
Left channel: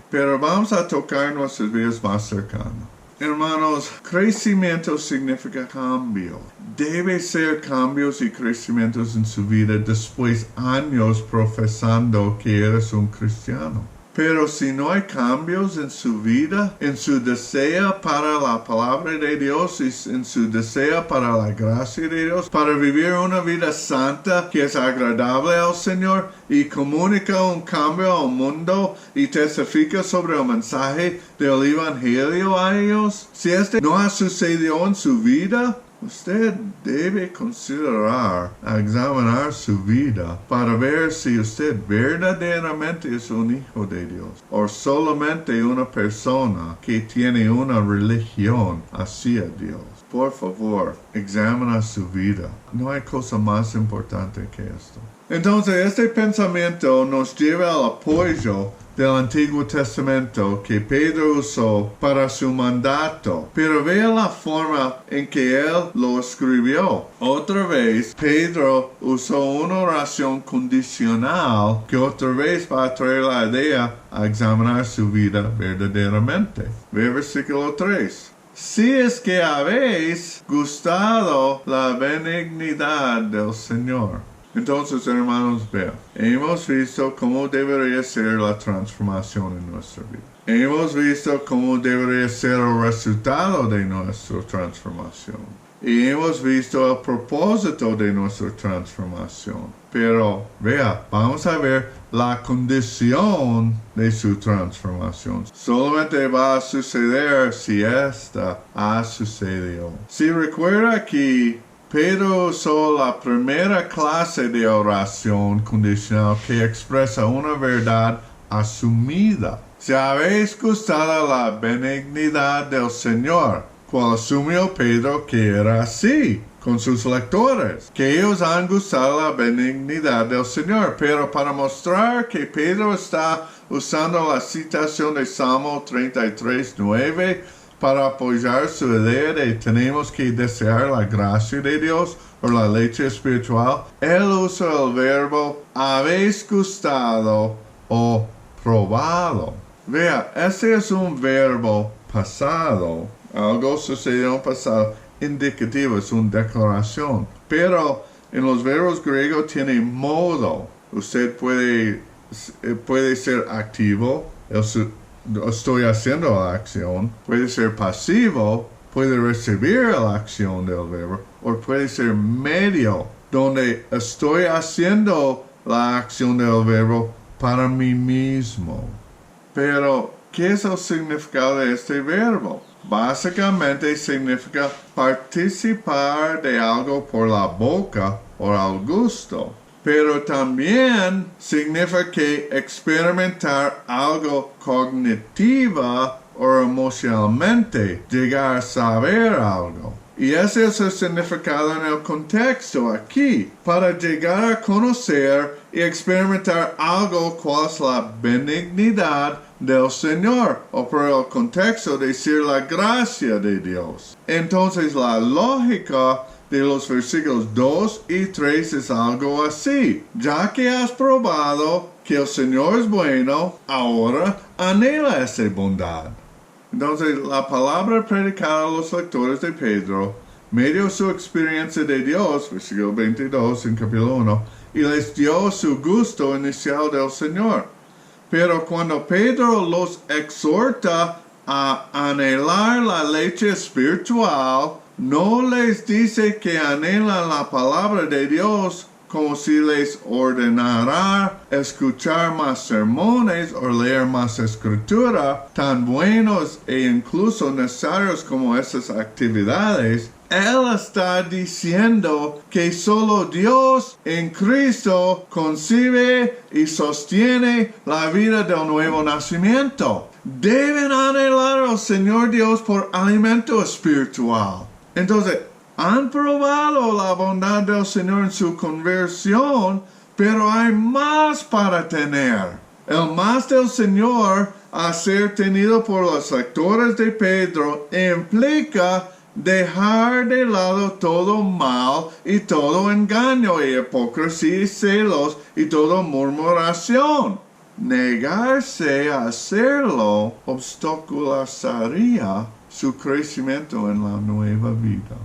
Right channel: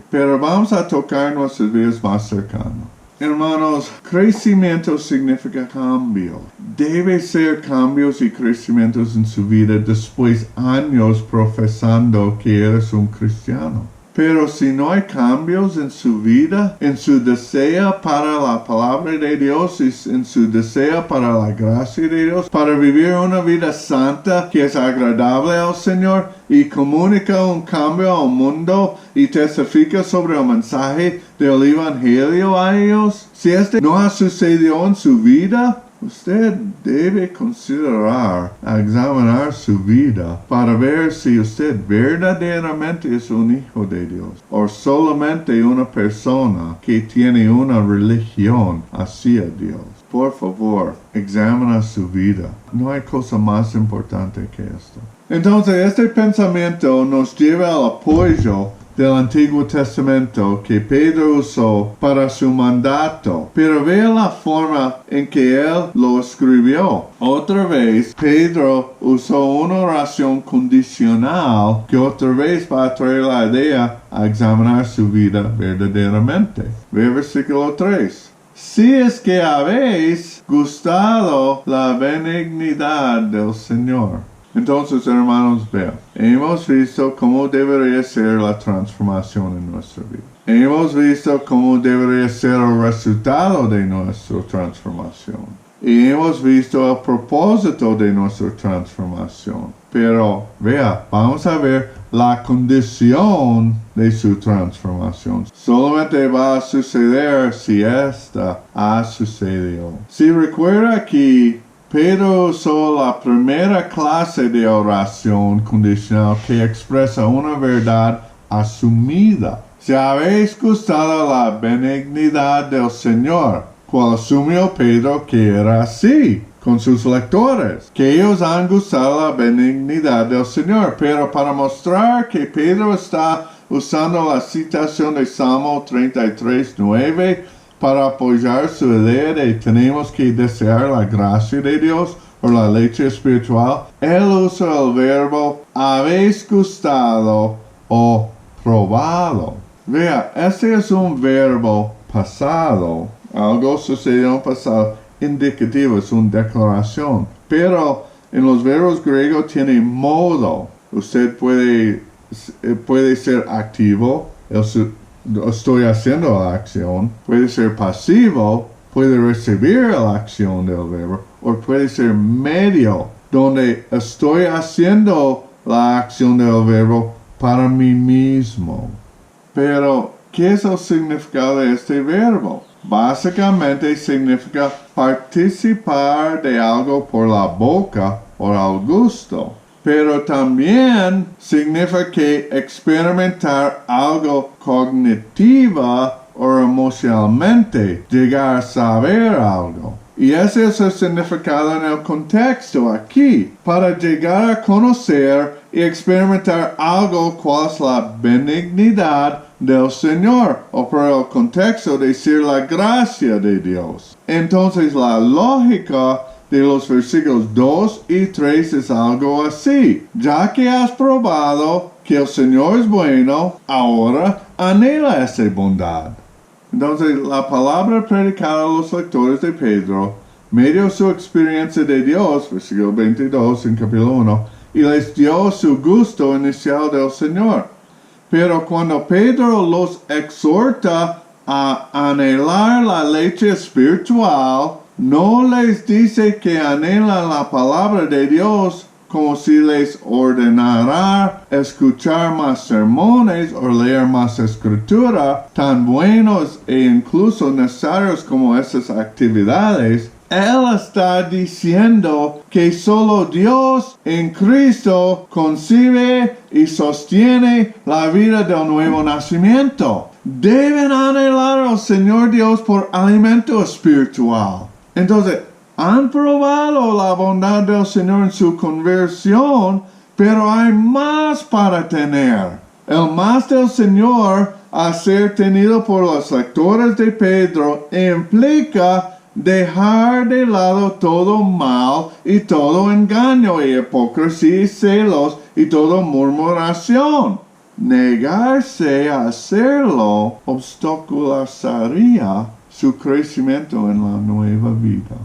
pero vamos a tocar nuestras vidas más cercanas. Hermanos, crecimiento significa cambio. Debe ser cambios y crecimientos en su vida después de años profesando que eres un cristiano. Pero si no hay cambios en su vida, en su deseo para la palabra de Dios y en su deseo para la gracia de Dios, para vivir una vida santa que es agradable al Señor y comunica un cambio al mundo y testifica sobre el mensaje del Evangelio a ellos, si este no ha sucedido en su vida, usted debe considerar, examinar su vida para ver si usted verdaderamente es un hijo de Dios o solamente una persona que tiene una religión hacia Dios. Por favor, examina su vida. No hay cosa más importante que esto. Entonces, este pensamiento nos lleva al apoyo del Antiguo Testamento que Pedro usó para su mandato, pero vea la forma en que él lo escribió. Otra vez, Pedro usó una oración condicional que otra vez va a traer la idea a examinar su vida verdaderamente. Ve versículo 3. Si es que habéis gustado la benignidad del Señor. Entonces, hermanos, vean, hemos visto cómo debería ser la transformación en nuestra vida. Hemos visto cómo debería ser el resultado de nuestra transformación. Y hemos visto el propósito de nuestra transformación. Pero, vea, vamos a ver la condición de su transformación. Solamente va a suceder si esta ha sucedido. Si recuerda aquí, Pedro usó la primera clase de oración condicional que expresa una verdad asumida. Si habéis gustado la benignidad del Señor, cual asumió Pedro que era así con sus lectores, que ellos han gustado la benignidad del Señor. Pero para mostrar que Pedro está usando la citación de Salmo 33:9, para apoyar su idea de tenemos que desear la gracia de Dios o la leche espiritual, él usa el verbo habéis gustado o probado. Vea, este es un verbo pasado, algo sucedió en pasado, indicativo, es una declaración. Pero en los verbos griegos tiene modo. Usted puede ser activo, estoy haciendo la acción, puede ser pasivo, puede recibir la acción del verbo, o puede ser medio, donde estoy haciendo la acción del verbo para mí mismo. Pero, ¿qué es el significado de este verbo? Básicamente significa participar de algo por la boca o al gusto. Pero también significa que experimentar algo cognitiva o emocionalmente, llegar a saber algo. Y ese es el significado en el contexto aquí, para llegar a conocer y experimentar algo cual es la benignidad del Señor, o por el contexto decir la gracia de Dios. Entonces la lógica de los versículos 2 y 3 es algo así. Ya que has probado que el Señor es bueno, ahora anhela esa bondad. Entonces, la palabra predicada a los lectores de Pedro, medio su experiencia de Dios, versículo 22 en capítulo 1, y les dio su gusto inicial del Señor. Pero cuando Pedro los exhorta a anhelar la leche espiritual, no les dice que anhelan la palabra de Dios como si les ordenara escuchar más sermones o leer más escritura, tan buenos e incluso necesarios como esas actividades. Él está diciendo que solo Dios en Cristo concibe y sostiene la vida del nuevo nacimiento. Deben anhelar al Señor Dios por alimento espiritual. Entonces, han probado la bondad del Señor en su conversión, pero hay más para tener. El más del Señor a ser tenido por los lectores de Pedro implica dejar de lado todo mal y todo engaño y hipocresía y celos y toda murmuración. Negarse a hacerlo obstaculizaría su crecimiento en la nueva vida.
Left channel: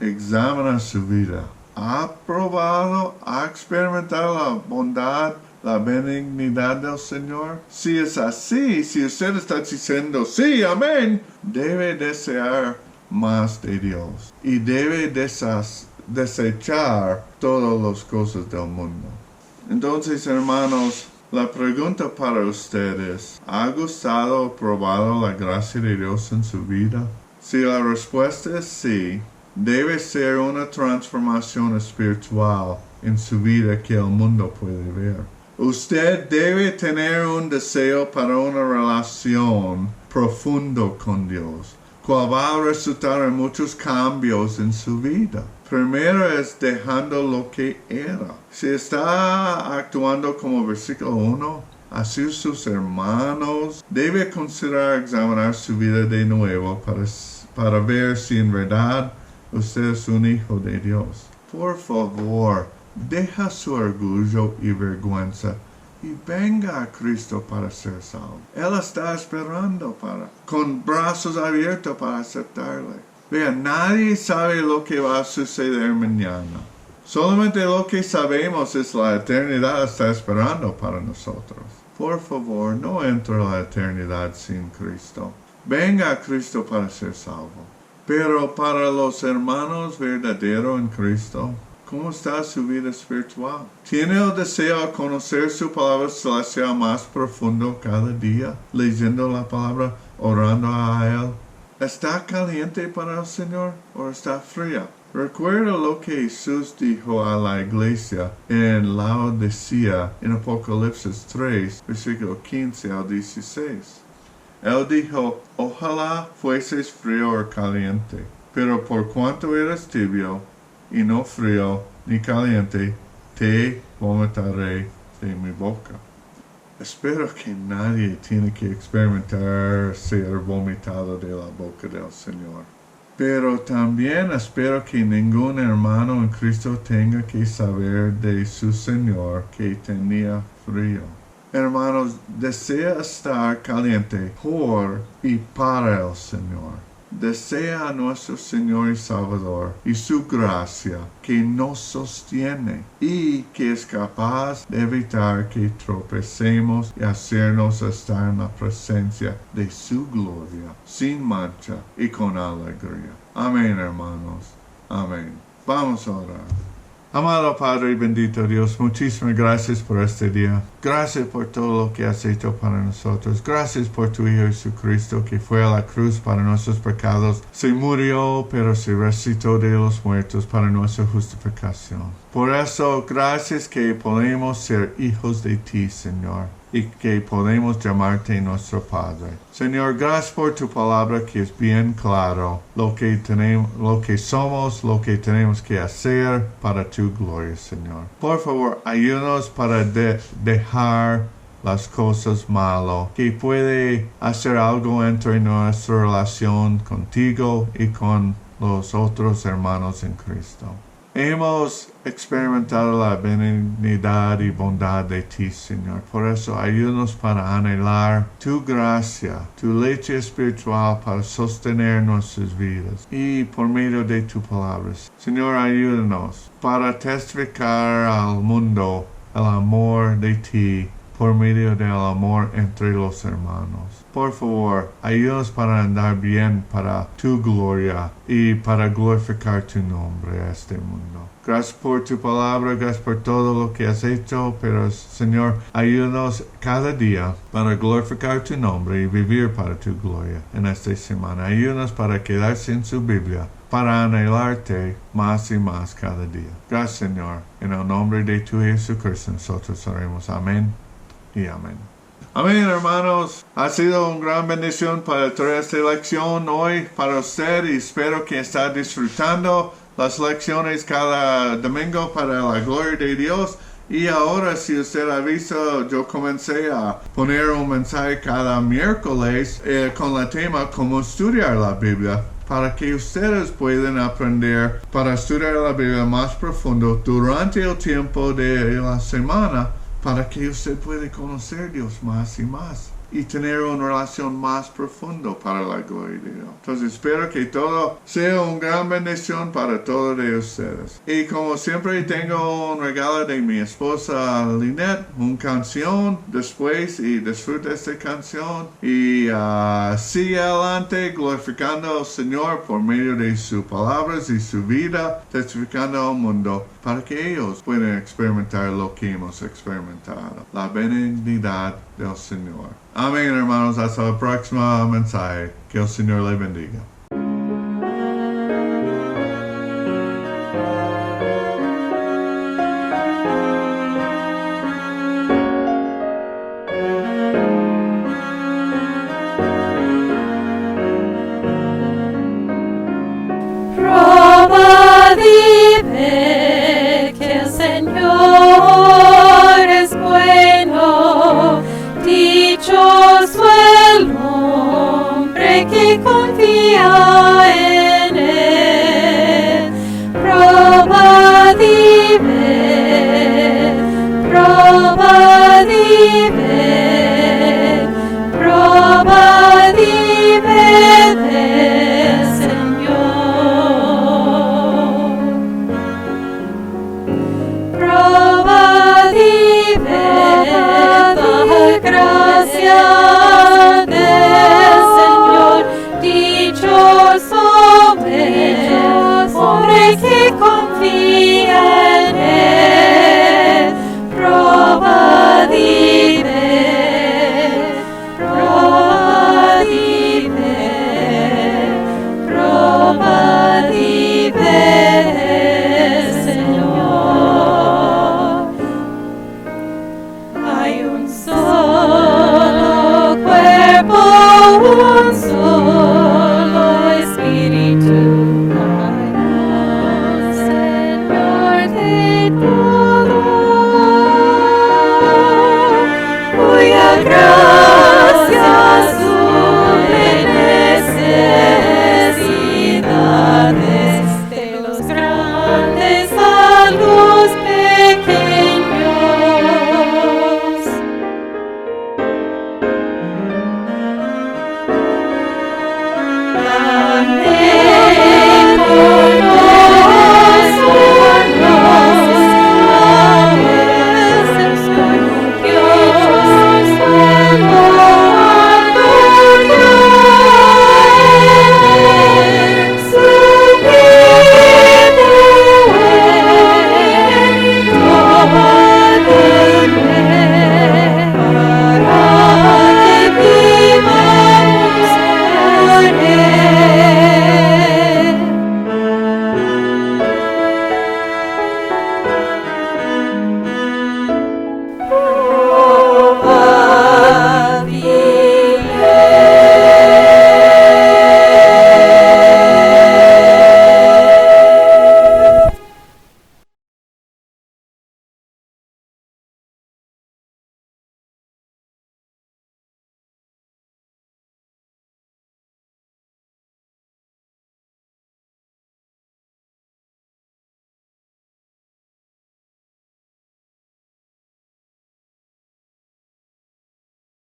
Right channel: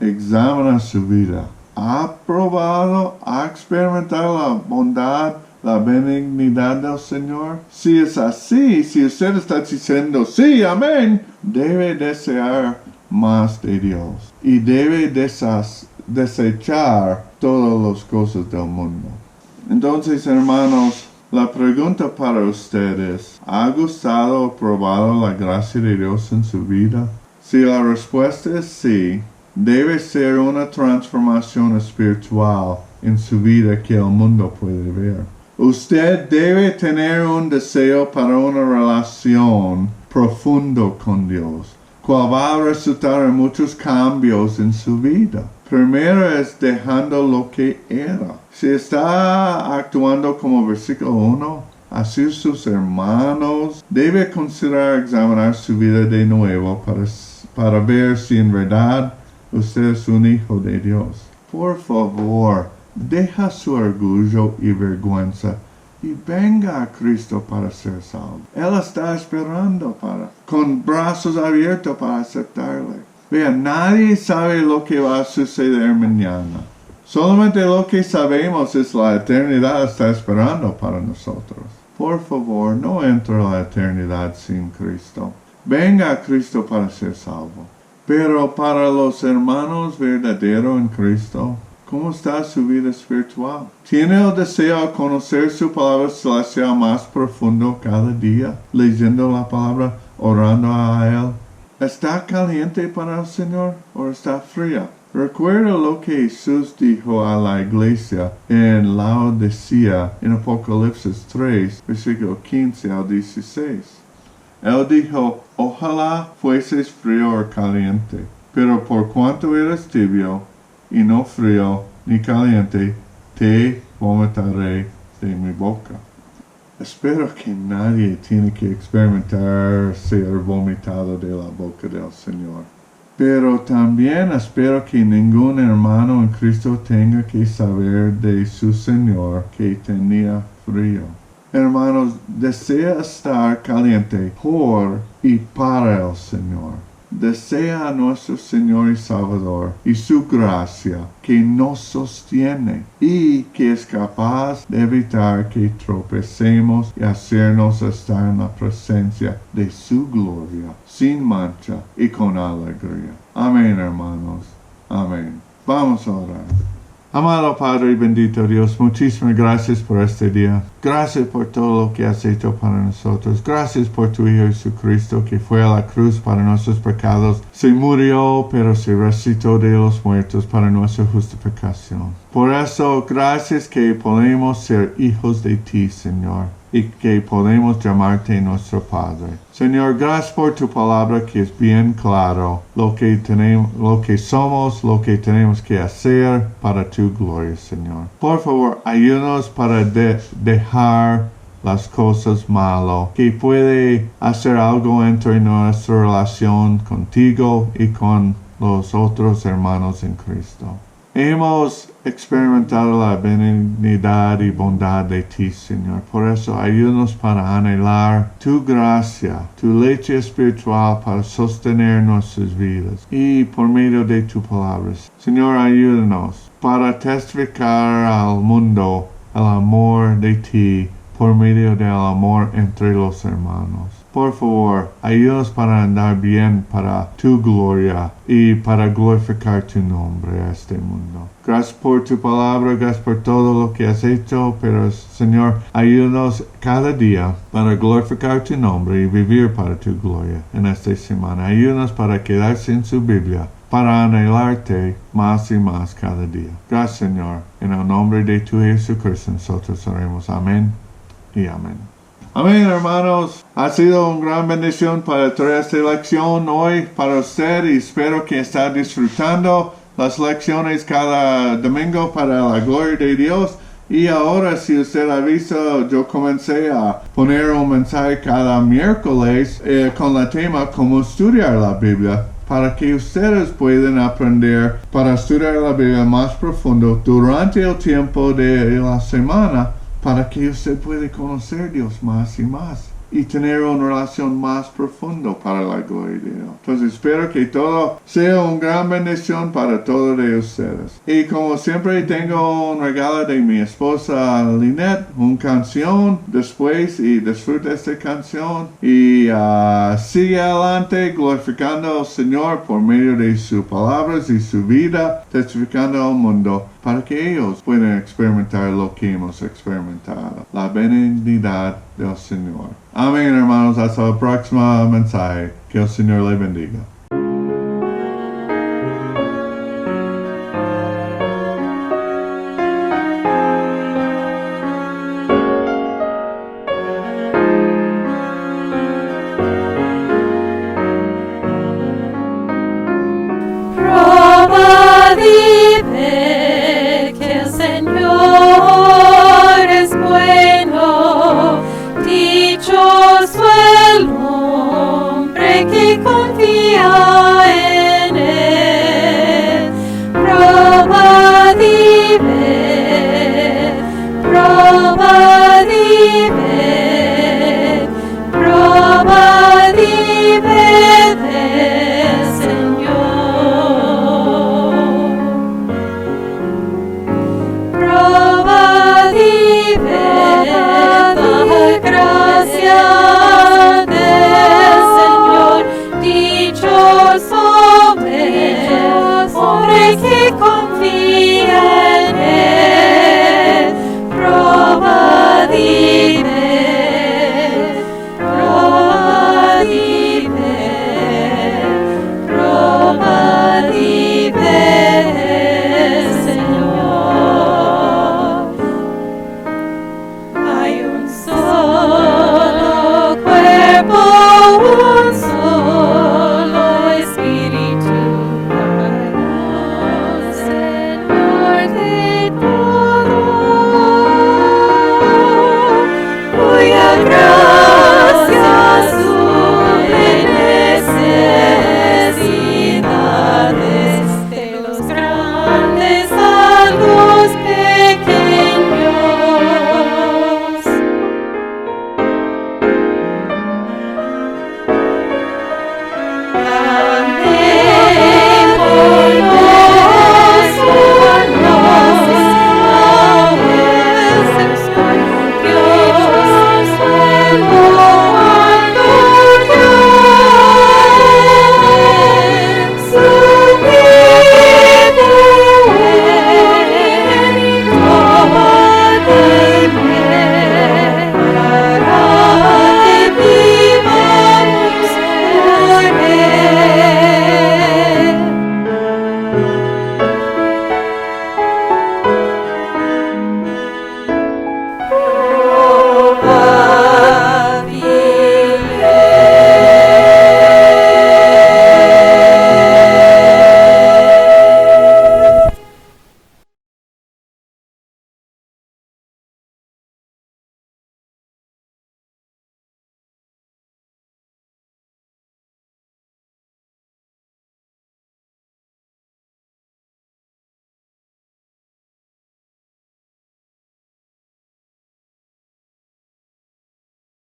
Examina su vida. ¿Ha probado, ha experimentado la bondad, la benignidad del Señor? Si es así, si usted está diciendo sí, amén, debe desear más de Dios y debe desechar todas las cosas del mundo. Entonces, hermanos, la pregunta para ustedes, ¿ha gustado o probado la gracia de Dios en su vida? Si la respuesta es sí, debe ser una transformación espiritual en su vida que el mundo puede ver. Usted debe tener un deseo para una relación profundo con Dios, cual va a resultar en muchos cambios en su vida. Primero es dejando lo que era. Si está actuando como versículo 1, Así sus hermanos debe considerar examinar su vida de nuevo para ver si en verdad usted es un hijo de Dios. Por favor, deja su orgullo y vergüenza y venga a Cristo para ser salvo. Él está esperando con brazos abiertos para aceptarle. Vea, nadie sabe lo que va a suceder mañana. Solamente lo que sabemos es la eternidad está esperando para nosotros. Por favor, no entre a la eternidad sin Cristo. Venga a Cristo para ser salvo. Pero para los hermanos verdaderos en Cristo, ¿cómo está su vida espiritual? ¿Tiene el deseo de conocer su palabra celestial más profundo cada día, leyendo la palabra, orando a Él? ¿Está caliente para el Señor o está fría? Recuerda lo que Jesús dijo a la iglesia en Laodicea en Apocalipsis 3, versículo 15 al 16. Él dijo, ojalá fueses frío o caliente, pero por cuanto eres tibio y no frío ni caliente, te vomitaré de mi boca. Espero que nadie tiene que experimentar ser vomitado de la boca del Señor. Pero también espero que ningún hermano en Cristo tenga que saber de su Señor que tenía frío. Hermanos, desea estar caliente por y para el Señor. Desea a nuestro Señor y Salvador y su gracia que nos sostiene y que es capaz de evitar que tropecemos y hacernos estar en la presencia de su gloria, sin mancha y con alegría. Amén, hermanos. Amén. Vamos a orar. Amado Padre y bendito Dios, muchísimas gracias por este día. Gracias por todo lo que has hecho para nosotros. Gracias por tu Hijo Jesucristo que fue a la cruz para nuestros pecados. Se murió, pero se resucitó de los muertos para nuestra justificación. Por eso, gracias que podemos ser hijos de ti, Señor, y que podemos llamarte nuestro Padre. Señor, gracias por tu palabra que es bien claro lo que tenemos, lo que somos, lo que tenemos que hacer para tu gloria, Señor. Por favor, ayúdanos para dejar las cosas malas que puede hacer algo entre nuestra relación contigo y con los otros hermanos en Cristo. Hemos experimentado la benignidad y bondad de ti, Señor. Por eso, ayúdanos para anhelar tu gracia, tu leche espiritual para sostener nuestras vidas y por medio de tus palabras. Señor, ayúdanos para testificar al mundo el amor de ti por medio del amor entre los hermanos. Por favor, ayúdanos para andar bien para tu gloria y para glorificar tu nombre a este mundo. Gracias por tu palabra, gracias por todo lo que has hecho, pero Señor, ayúdanos cada día para glorificar tu nombre y vivir para tu gloria en esta semana. Ayúdanos para quedarse en su Biblia, para anhelarte más y más cada día. Gracias, Señor. En el nombre de tu Jesucristo nosotros oremos. Amén y amén. Amén, hermanos. Ha sido una gran bendición para traer esta lección hoy para usted y espero que está disfrutando las lecciones cada domingo para la gloria de Dios. Y ahora, si usted ha visto, yo comencé a poner un mensaje cada miércoles con el tema cómo estudiar la Biblia, para que ustedes puedan aprender para estudiar la Biblia más profundo durante el tiempo de la semana, para que usted pueda conocer a Dios más y más y tener una relación más profunda para la gloria de Dios. Entonces espero que todo sea una gran bendición para todos de ustedes. Y como siempre tengo un regalo de mi esposa Lynette, una canción después y disfruta esta canción y sigue adelante glorificando al Señor por medio de sus palabras y su vida, testificando al mundo para que ellos puedan experimentar lo que hemos experimentado, la benignidad del Señor. Amén, hermanos. Hasta el próximo mensaje. Que el Señor le bendiga. Prueba vive que el Señor es bueno. que confía